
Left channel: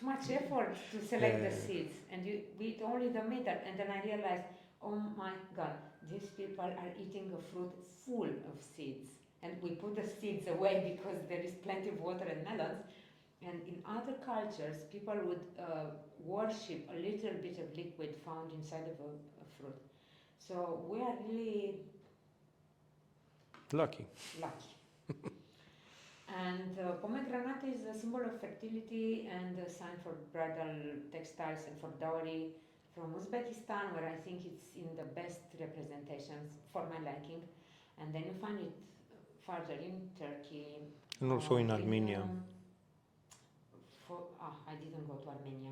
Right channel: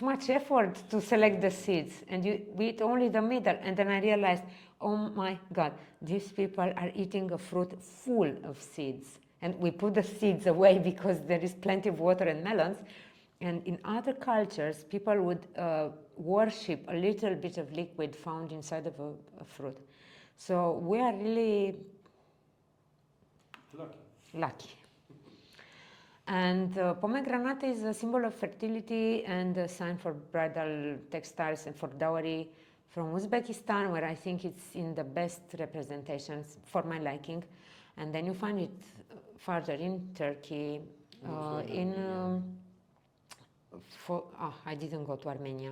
much effort to select the seeds, and we eat only the middle. And then I realized, oh my God, these people are eating a fruit full of seeds, and we put the seeds away because there is plenty of water and melons. And in other cultures, people would worship a little bit of liquid found inside of a fruit. So we are really lucky. And pomegranate is a symbol of fertility and a sign for bridal textiles and for dowry from Uzbekistan, where I think it's in the best representations for my liking. And then you find it further in Turkey. And also in Armenia. I didn't go to Armenia.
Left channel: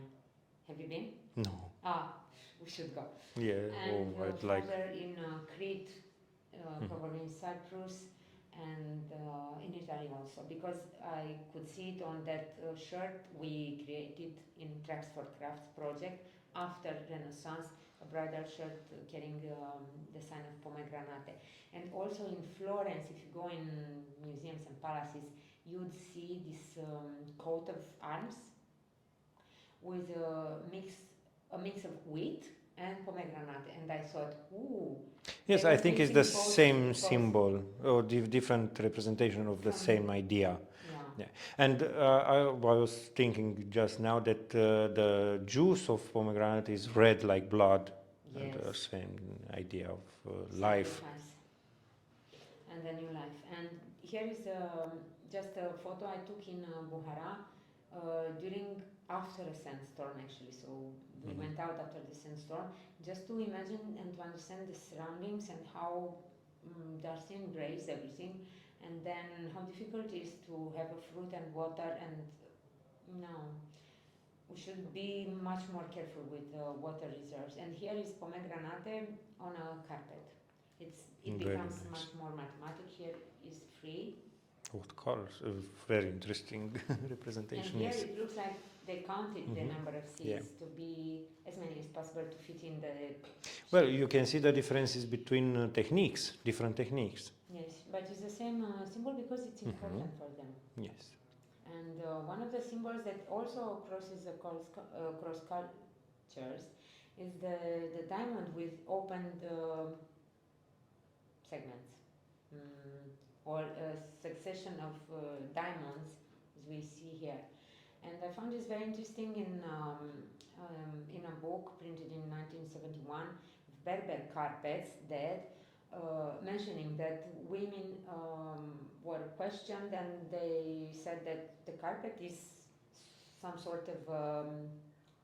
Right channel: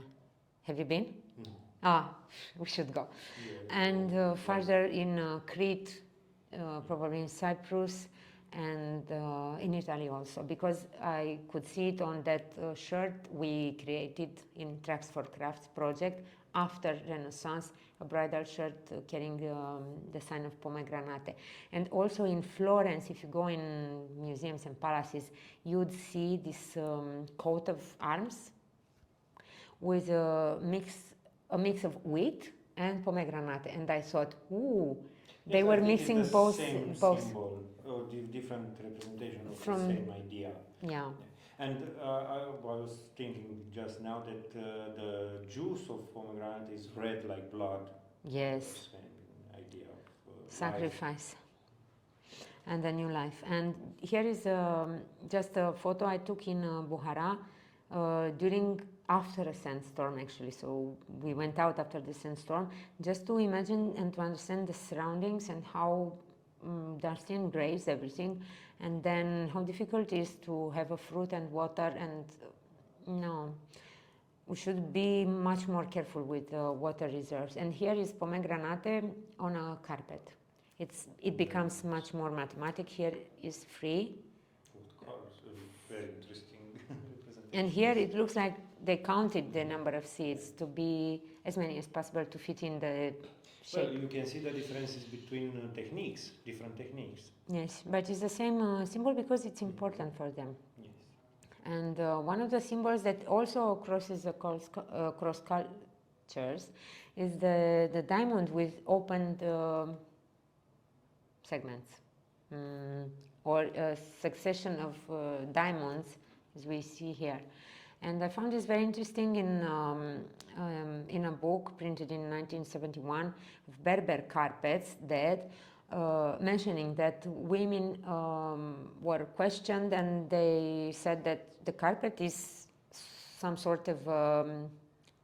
Have you been? No. We should go. Yeah. And further in Crete, probably in Cyprus, and in Italy also, because I could see it on that shirt we created in Tracks4Crafts project after Renaissance, a bridal shirt carrying the sign of pomegranate. And also in Florence, if you go in museums and palaces, you'd see this coat of arms with a mix of wheat and pomegranate, and I thought, ooh. Yes, they were I think it's the both, same symbol or different representation of the same idea. Yeah. And I was thinking just now that the juice of pomegranate is red like blood. Yes. The same idea of Sacrifice. life. And a new life. And here is just a photo I took in Buhara after a sandstorm, actually. So we went out after the sandstorm just to imagine and to understand the surroundings and how dusty and grey is everything, and then how difficult it is to have a fruit and water. And we should be much more careful with water reserves. And here is pomegranate on a carpet. It becomes much more mathematic. Here is free. What colors? Very interesting representation. And here it looks like they counted the number of seeds to be as many as possible to fit in the shape. Well, you can see the differences between different techniques. Yes, but it's the same symbol because it's important for them. Yes. And one of the symbols that also crosses across cultures is the diamond with opened segments, or a succession of diamonds, as we see here. And I found this very interesting in a book printed in 1971 of Berber carpets that mentioning that women were questioned, and they said that the carpet is some sort of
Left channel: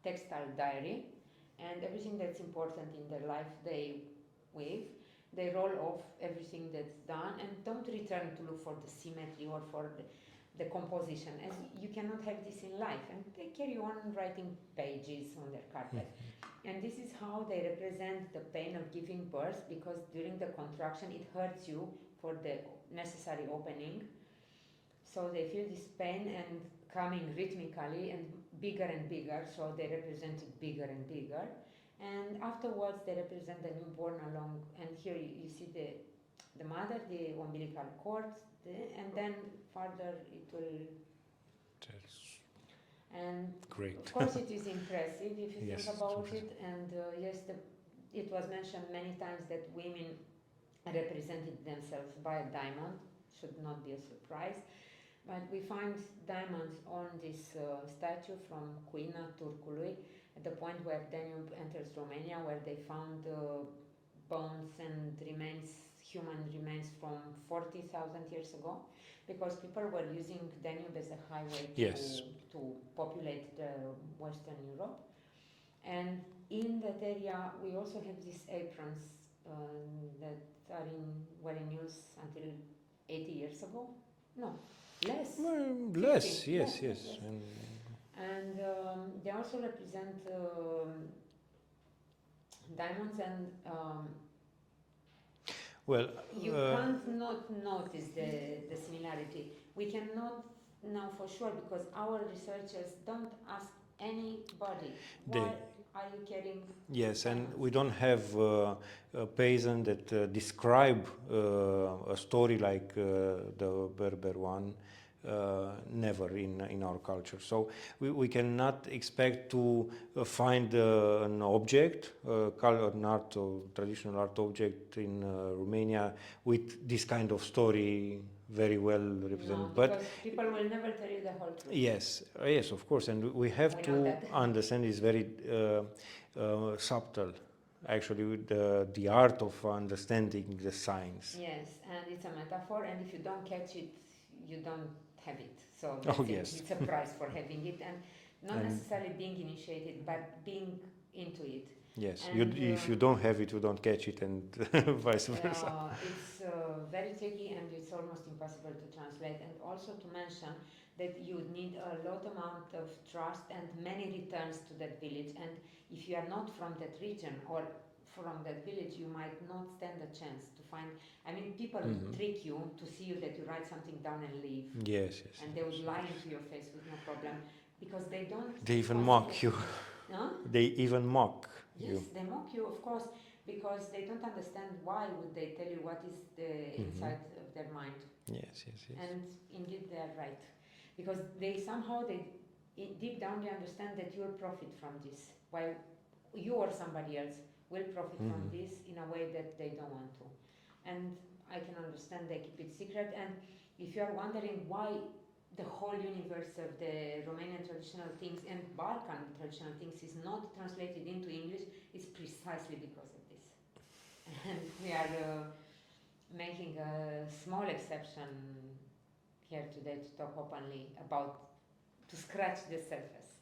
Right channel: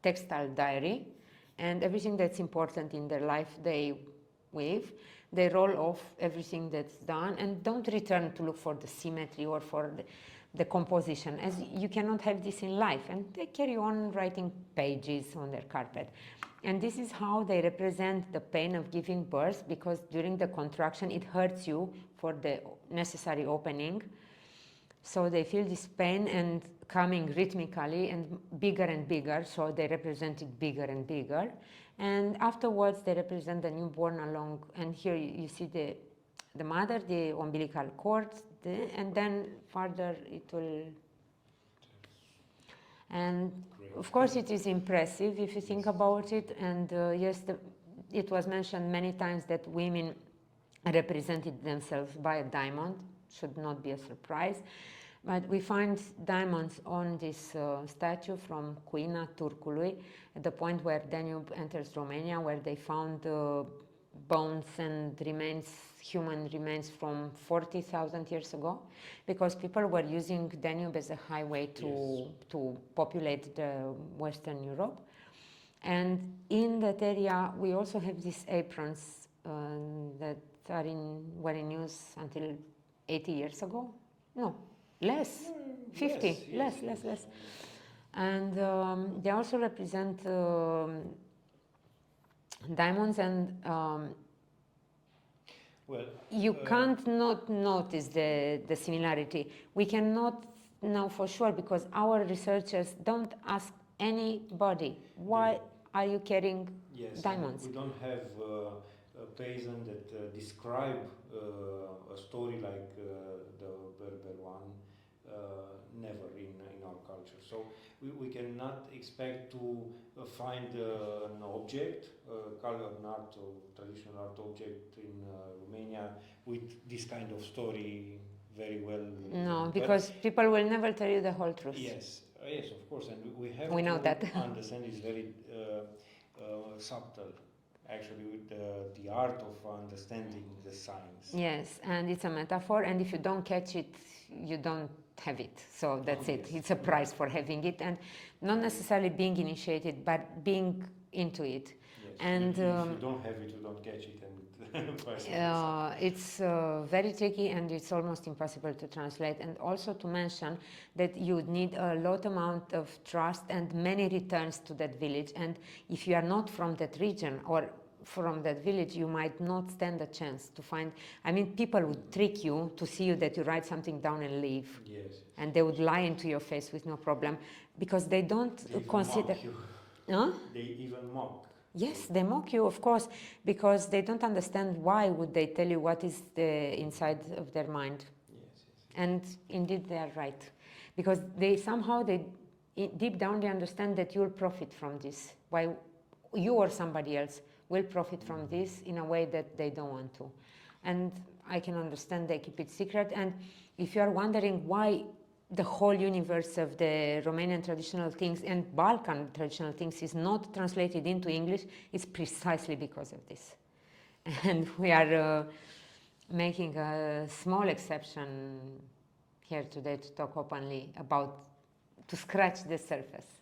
textile diary, and everything that's important in their life they weave. They roll off everything that's done and don't return to look for the symmetry or for the composition, as you cannot have this in life. And they carry on writing pages on their carpet. And this is how they represent the pain of giving birth, because during the contraction it hurts you for the necessary opening. So they feel this pain and coming rhythmically and bigger, so they represent it bigger and bigger. And afterwards they represent the newborn along, and here you see the mother, the umbilical cord, and then further it will. And great. Of course it is impressive if you think about it. And yes, it was mentioned many times that women represented themselves by a diamond. Should not be a surprise. But we find diamonds on this statue from Cuina Turcului, at the point where Danube enters Romania, where they found bones and human remains from 40,000 years ago, because people were using Danube as a highway to populate the Western Europe. And in that area, we also have these aprons that were in use until 80 years ago. No. Less. 50. Less. And they also represent diamonds, and you can't not notice the similarity. We cannot know for sure, because our researchers don't ask anybody, why are you carrying diamonds? And we don't have a peasant that describe a story like the Berber one. Never in our culture. So we cannot expect to find an object, an art or traditional art object in Romania with this kind of story very well represented. No, because people will never tell you the whole truth. Yes, of course, and we have to understand it's very subtle. Actually, with the art of understanding the signs. Yes, and it's a metaphor, and if you don't catch it, you don't have it. So that's it. Yes. It's a prize for having it, and not necessarily being initiated, but being into it. Yes, and if you don't have it, you don't catch it, and vice versa. It's very tricky, and it's almost impossible to translate. And also to mention that you need a lot amount of trust and many returns to that village. And if you are not from that region or from that village, you might not stand a chance to find. I mean, people would trick you to see you that you write something down and leave. Yes. And they would lie into your face with no problem, because they don't. They even mock you. Huh? They even mock. Yes, they mock you, of course, because they don't understand why would they tell you what is the inside of their mind. Yes. And indeed they are right, because they deep down they understand that you'll profit from this. Why you or somebody else will profit from this in a way that they don't want to. And I can understand they keep it secret. And if you are wondering why the whole universe of the Romanian traditional things and Balkan traditional things is not translated into English, it's precisely because of this. And we are making a small exception here today to talk openly about, to scratch the surface.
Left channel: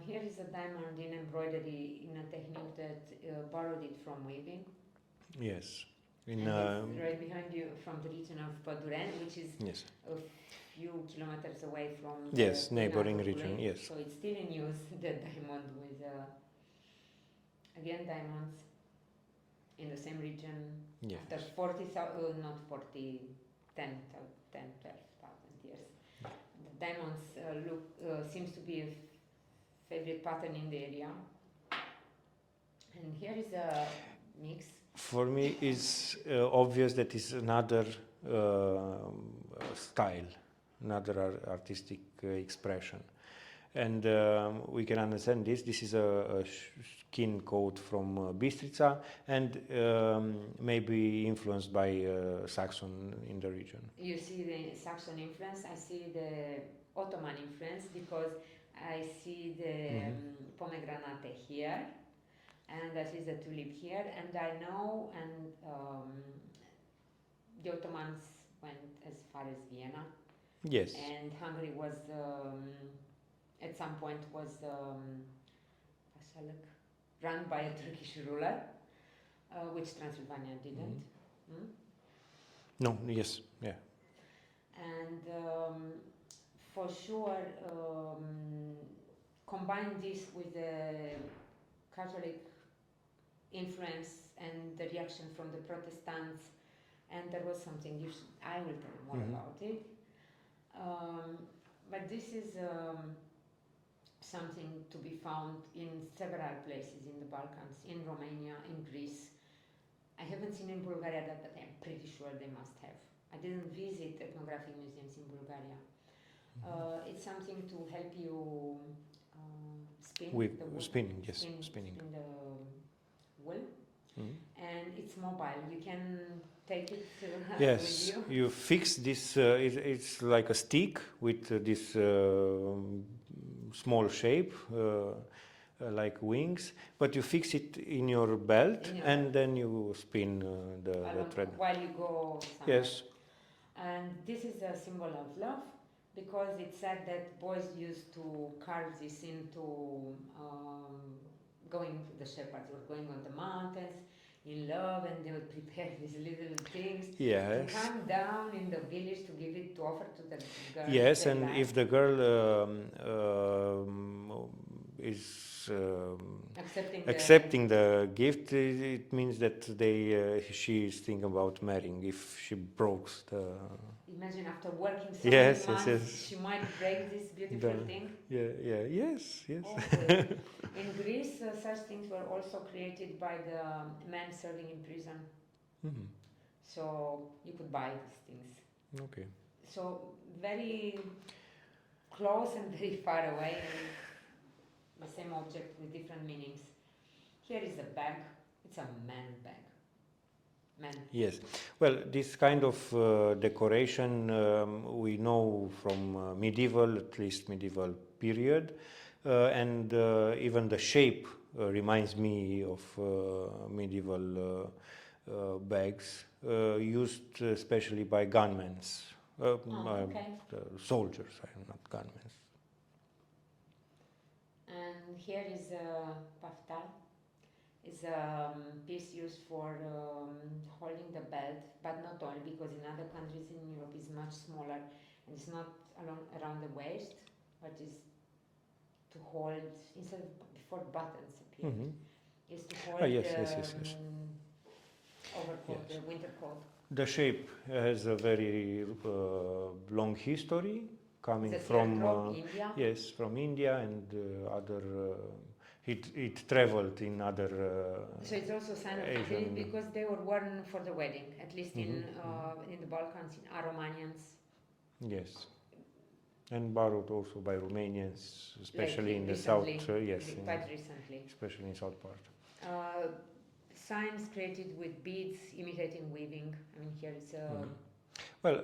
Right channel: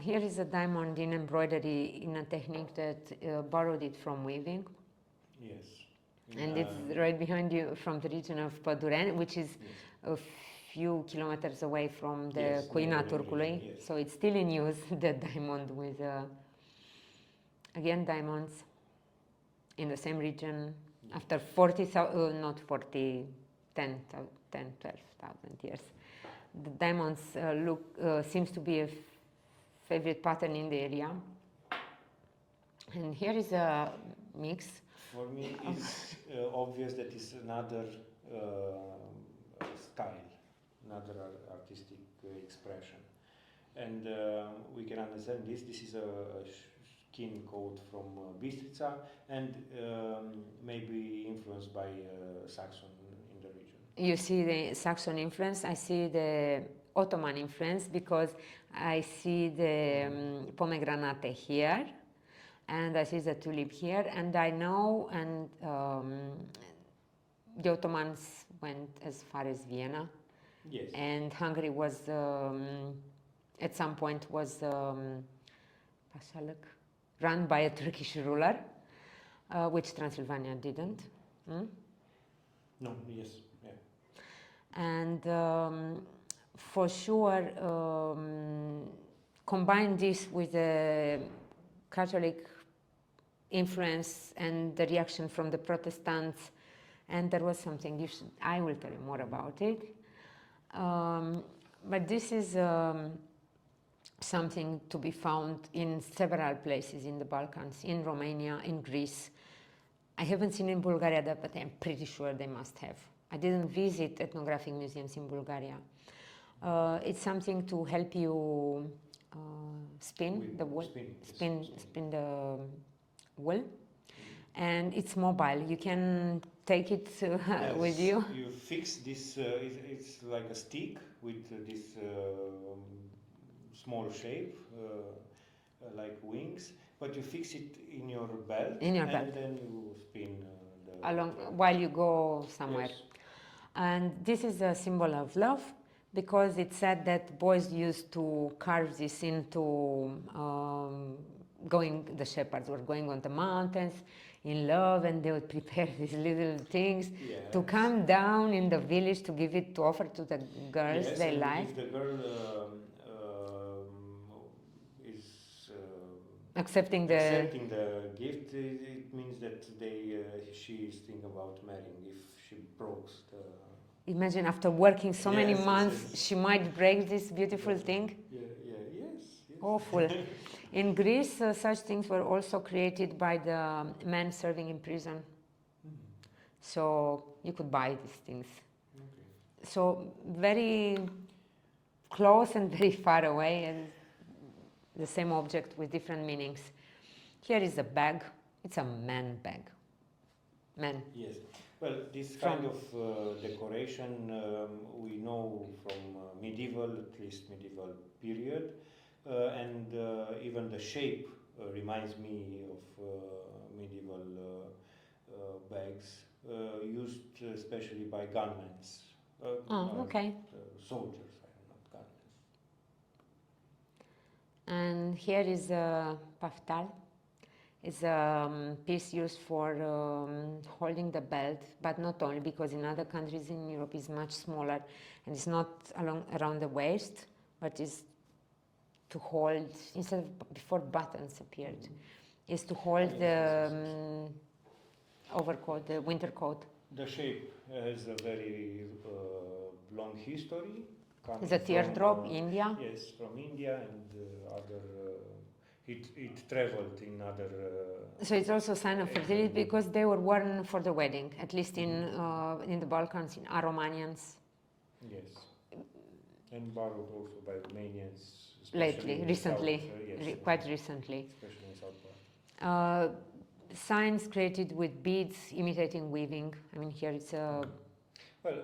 Here is a diamond in embroidery in a technique that borrowed it from weaving. Yes. And it's right behind you from the region of Corduneanu, which is a few kilometers away from the Cluj-Napoca. Yes. So it's still in use, the diamond with, again, diamonds in the same region after 40,000, not 40, 10, 12,000 years. The diamonds seems to be a favorite pattern in the area. And here is a mix. For me, it's obvious that it's another style, another artistic expression. And we can understand this. This is a skin coat from Bistrița and maybe influenced by Saxon in the region. You see the Saxon influence. I see the Ottoman influence because I see the pomegranate here. And I see the tulip here, and I know, and the Ottomans went as far as Vienna. Yes. And Hungary was, at some point, was run by a Turkish ruler, which Transylvania didn't. No, yes, yeah. And for sure, combine this with the Catholic influence and the reaction from the Protestants, and there was something I will tell you more about it. But this is something to be found in several places in the Balkans, in Romania, in Greece. I haven't seen in Bulgaria that, but I'm pretty sure they must have. I didn't visit ethnographic museums in Bulgaria. It's something to help you spin the wool. Spin The wool. And it's mobile. You can take it with you. You fix this. It's like a stick with this small shape, like wings. But you fix it in your belt, then you spin the thread while you go somewhere. Yes. And this is a symbol of love, because it said that boys used to carve this into the shepherds were going on the mountains in love, and they would prepare these little things to come down in the village to give it, to offer to the girls. Yes, and if the girl is accepting the gift, it means that she is thinking about marrying. If she breaks the... Imagine after working so many months, she might break this beautiful thing. Yes. Awful. In Greece, such things were also created by the men serving in prison. So you could buy these things. Okay. So very close and very far away, and the same object with different meanings. Here is a bag. It's a man bag. Men. Yes. Well, this kind of decoration we know from medieval, at least medieval period, and even the shape reminds me of medieval bags used especially by gunmen. Soldiers, not gunmen. And here is a paftal. It's a piece used for holding the belt, but not only, because in other countries in Europe it's much smaller, and it's not around the waist, but is to hold, instead of before buttons appeared, is to hold overcoat, the winter coat. The shape has a very long history, coming from teardrop, India. Yes, from India and other. It traveled in other. So it's also a sign of fertility, because they were worn for the wedding, at least in the Balkans, in Romanians. Yes. And borrowed also by Romanians, especially lately, in recently, the south. Yes, quite recently. especially in south part. Signs created with beads imitating weaving. I mean, here it's a. Well,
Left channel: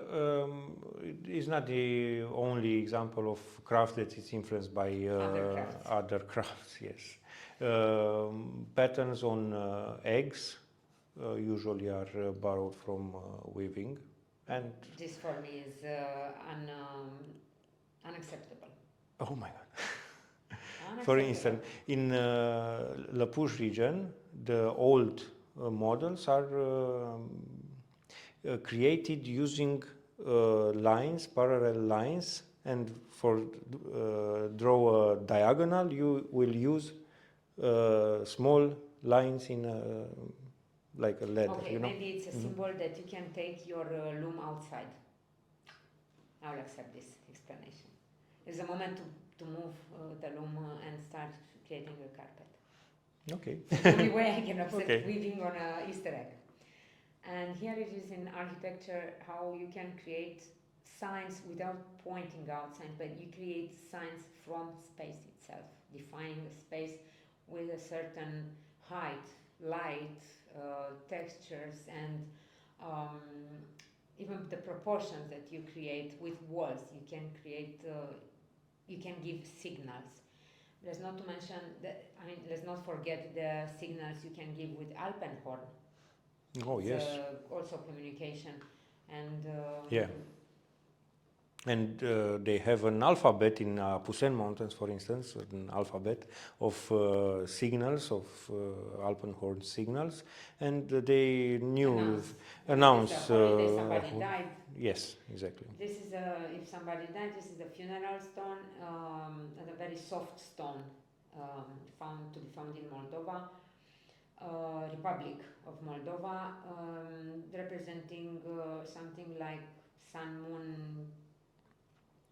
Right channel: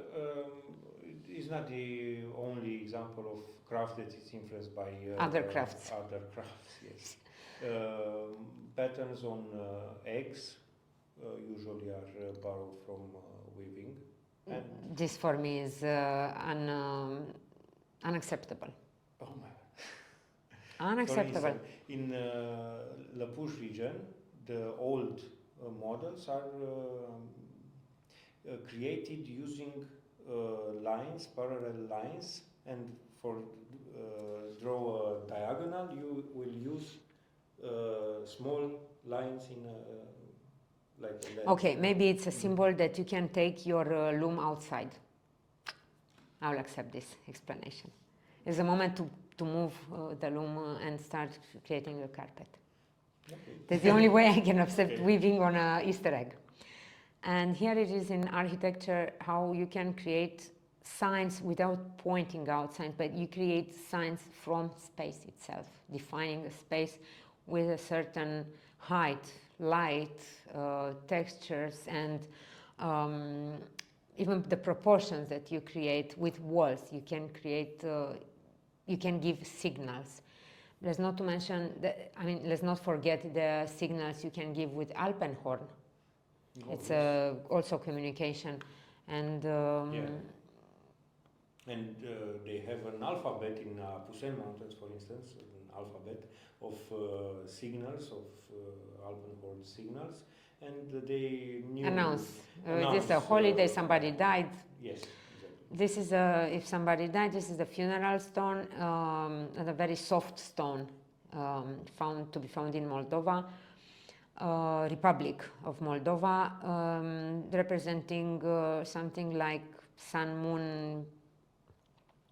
it is not the only example of craft that is influenced by Other crafts. Other crafts, yes. Patterns on eggs usually are borrowed from weaving, and This for me is unacceptable. oh my God! For Unacceptable. instance, in Cluj region, the old models are created using lines, parallel lines, and for draw a diagonal, you will use small lines in like a length. Okay, you know? maybe it's a symbol that you can take your loom outside. I'll accept this explanation. It's a moment to move the loom and start creating a carpet. Okay. That's the only way I can accept Okay. weaving on an Easter egg. And here it is in architecture, how you can create signs without pointing out signs, but you create signs from space itself, defining a space with a certain height, light, textures, and even the proportions that you create with walls. You can create, you can give signals. Let's not to mention, let's not forget the signals you can give with alpenhorn. Oh, It's yes. also communication, and Yeah. And they have an alphabet in Pusen Mountains, for instance, an alphabet of signals, of alpenhorn signals, and they knew announce. announce This is a holiday, somebody died. Yes, exactly. This is if somebody died, this is a funeral stone, and a very soft stone, to be found in Moldova, Republic of Moldova, representing something like sun, moon,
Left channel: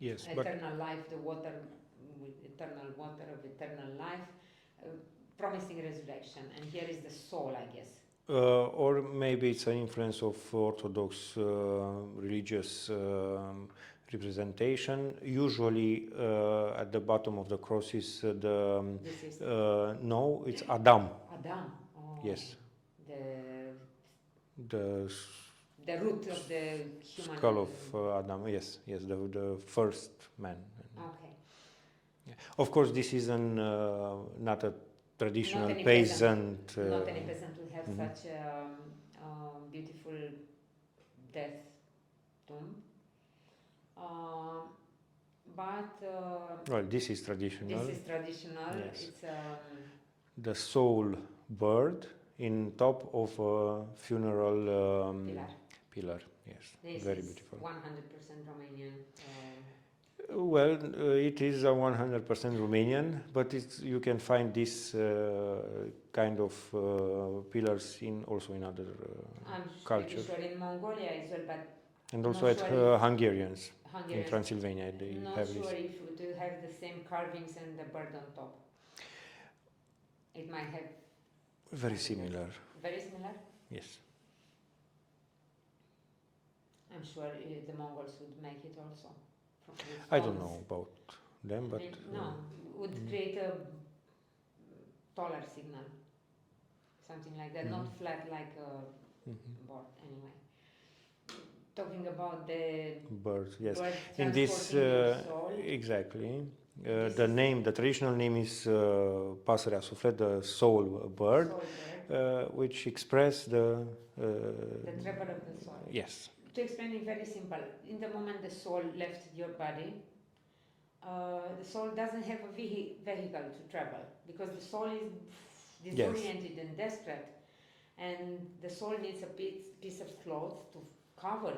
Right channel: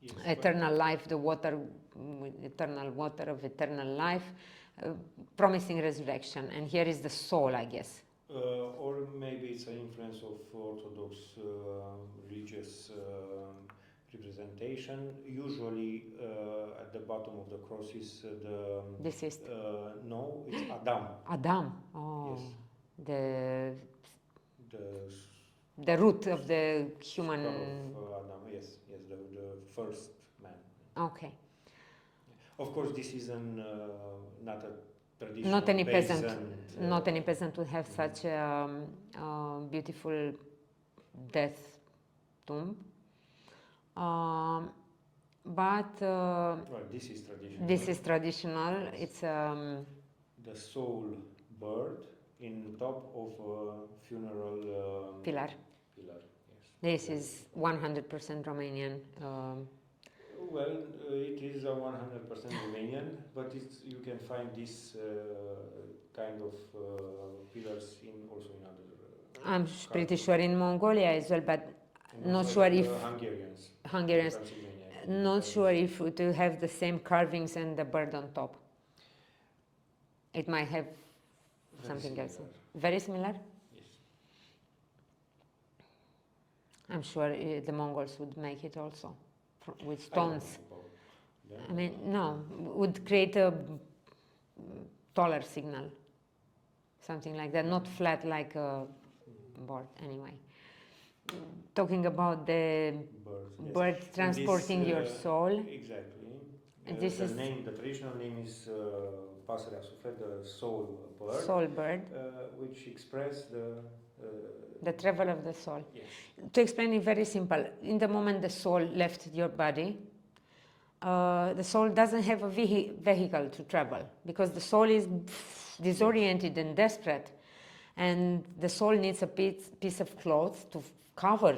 Yes, eternal life, the water, eternal water of eternal life, promising resurrection. And here is the soul, I guess. or maybe it's an influence of Orthodox religious representation. Usually, at the bottom of the cross is the. This is no, it's Adam. Adam. Oh, Yes. The root of the human skull of Adam. Yes, yes, the first man. Okay. Yeah. Of course, this is not a traditional Not any peasant. Not any peasant would have such a beautiful death tomb. But well, this is traditional. this is traditional. Yes. It's the soul bird in top of a funeral pillar. Pillar, yes. This Very is beautiful. 100% Romanian. Well, it is a 100% Romanian, but you can find this kind of pillars also in other I'm pretty cultures. sure in Mongolia as well, but And not also sure at if Hungarians in Hungarians. Transylvania. Not sure if it will have the same carvings and the bird on top. It might have Very something else. similar. Very similar? Yes. I'm sure the Mongols would make it also with stones. I don't know about them. I mean, no, would create a taller signal, something like that, not flat like a board. Anyway, talking about the Birds, yes. bird And this, transporting your soul. Exactly. This The traditional name is Pasărea Suflet, the soul bird, soul bird, which express the travel of the soul. yes. To explain it very simple, in the moment the soul left your body, the soul doesn't have a vehicle to travel because the soul is disoriented and desperate, and the soul needs a piece of cloth to cover,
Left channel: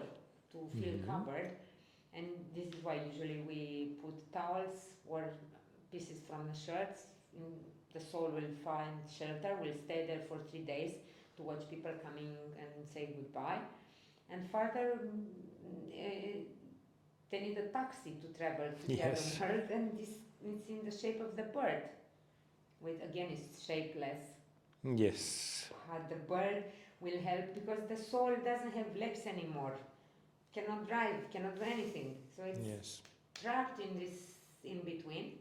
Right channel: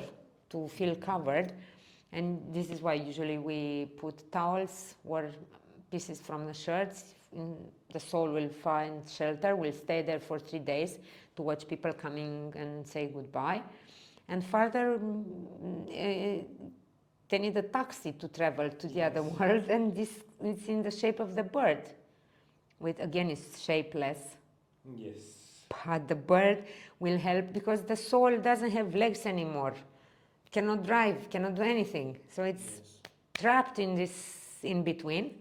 to feel covered, and this is why usually we put towels or pieces from the shirts. The soul will find shelter, will stay there for 3 days to watch people coming and say goodbye, and further they need a taxi to travel to the other world, and this is in the shape of the bird, with again it's shapeless. Yes. But the bird will help because the soul doesn't have legs anymore, cannot drive, cannot do anything. So it's trapped in this in between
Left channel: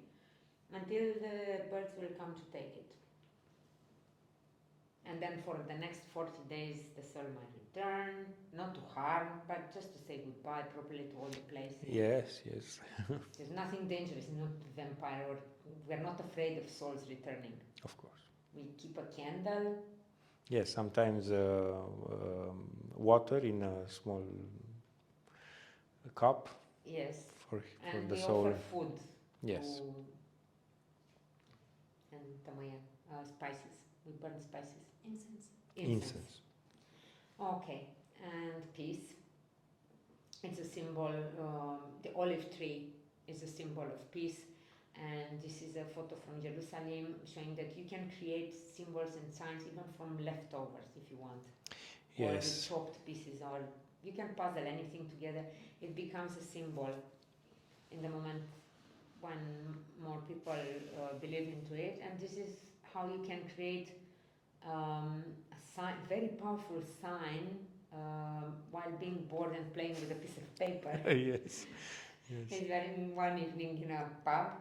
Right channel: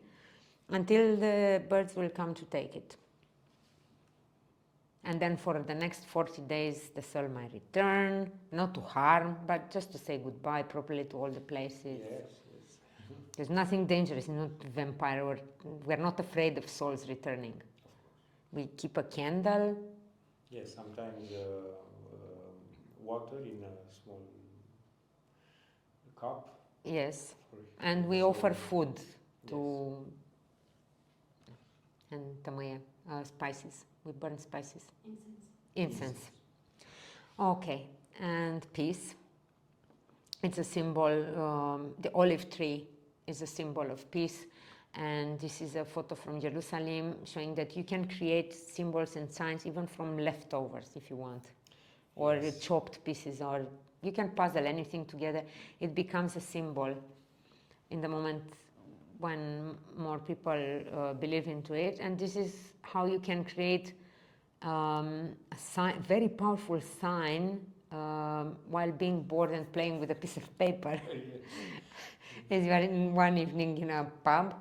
until the birds will come to take it. And then for the next 40 days, the soul might return, not to harm, but just to say goodbye properly to all the places. Yes, yes. There's nothing dangerous, not vampire. We're not afraid of souls returning. Of course. We keep a candle. Yes, sometimes water in a small cup. Yes. For And the we soul. offer food Yes. and tămâie, spices. We burn spices. Incense. Incense. Okay, and peace. It's a symbol, the olive tree is a symbol of peace. And this is a photo from Jerusalem showing that you can create symbols and signs even from leftovers if you want. Or Yes. chopped pieces, or you can puzzle anything together. It becomes a symbol in the moment when more people believe into it. And this is how you can create a sign, very powerful sign while being bored and playing with a piece of paper. Yes. As you are in one evening in a pub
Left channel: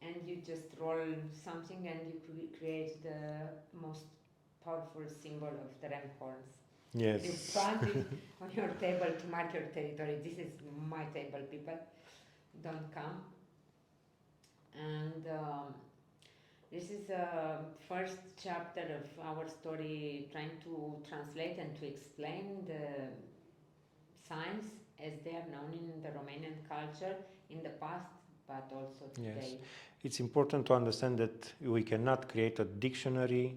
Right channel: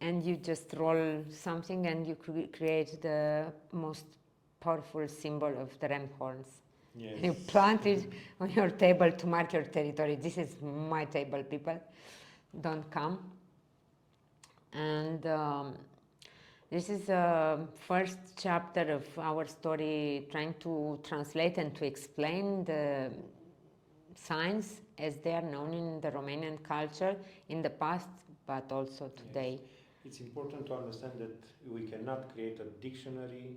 and you just roll something and you create the most powerful symbol of the ram horns. Yes. You plant it on your table to mark your territory. This is my table, people. Don't come. And this is the first chapter of our story, trying to translate and to explain the signs as they are known in the Romanian culture in the past, but also today. Yes. It's important to understand that we cannot create a dictionary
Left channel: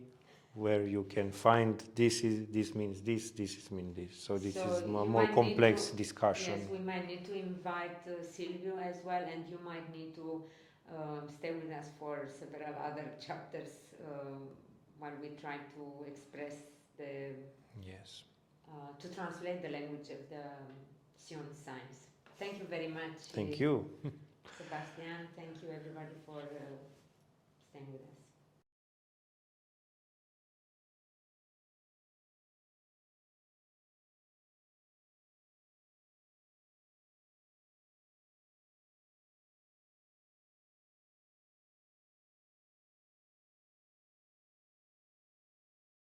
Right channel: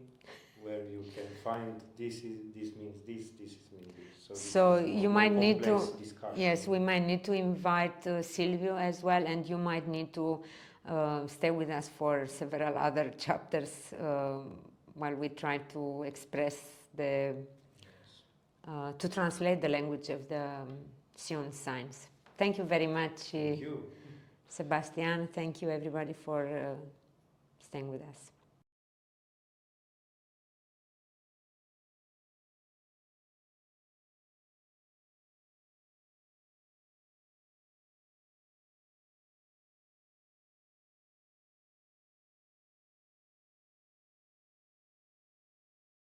where you can find this means this means this. So this is a you more might need complex to, discussion. yes, we might need to invite Silviu as well, and you might need to stay with us for several other chapters while we try to express the, Yes. to translate the language of the Sion signs. Thank you very much. Thank you. Sebastian. Thank you everybody for staying with us.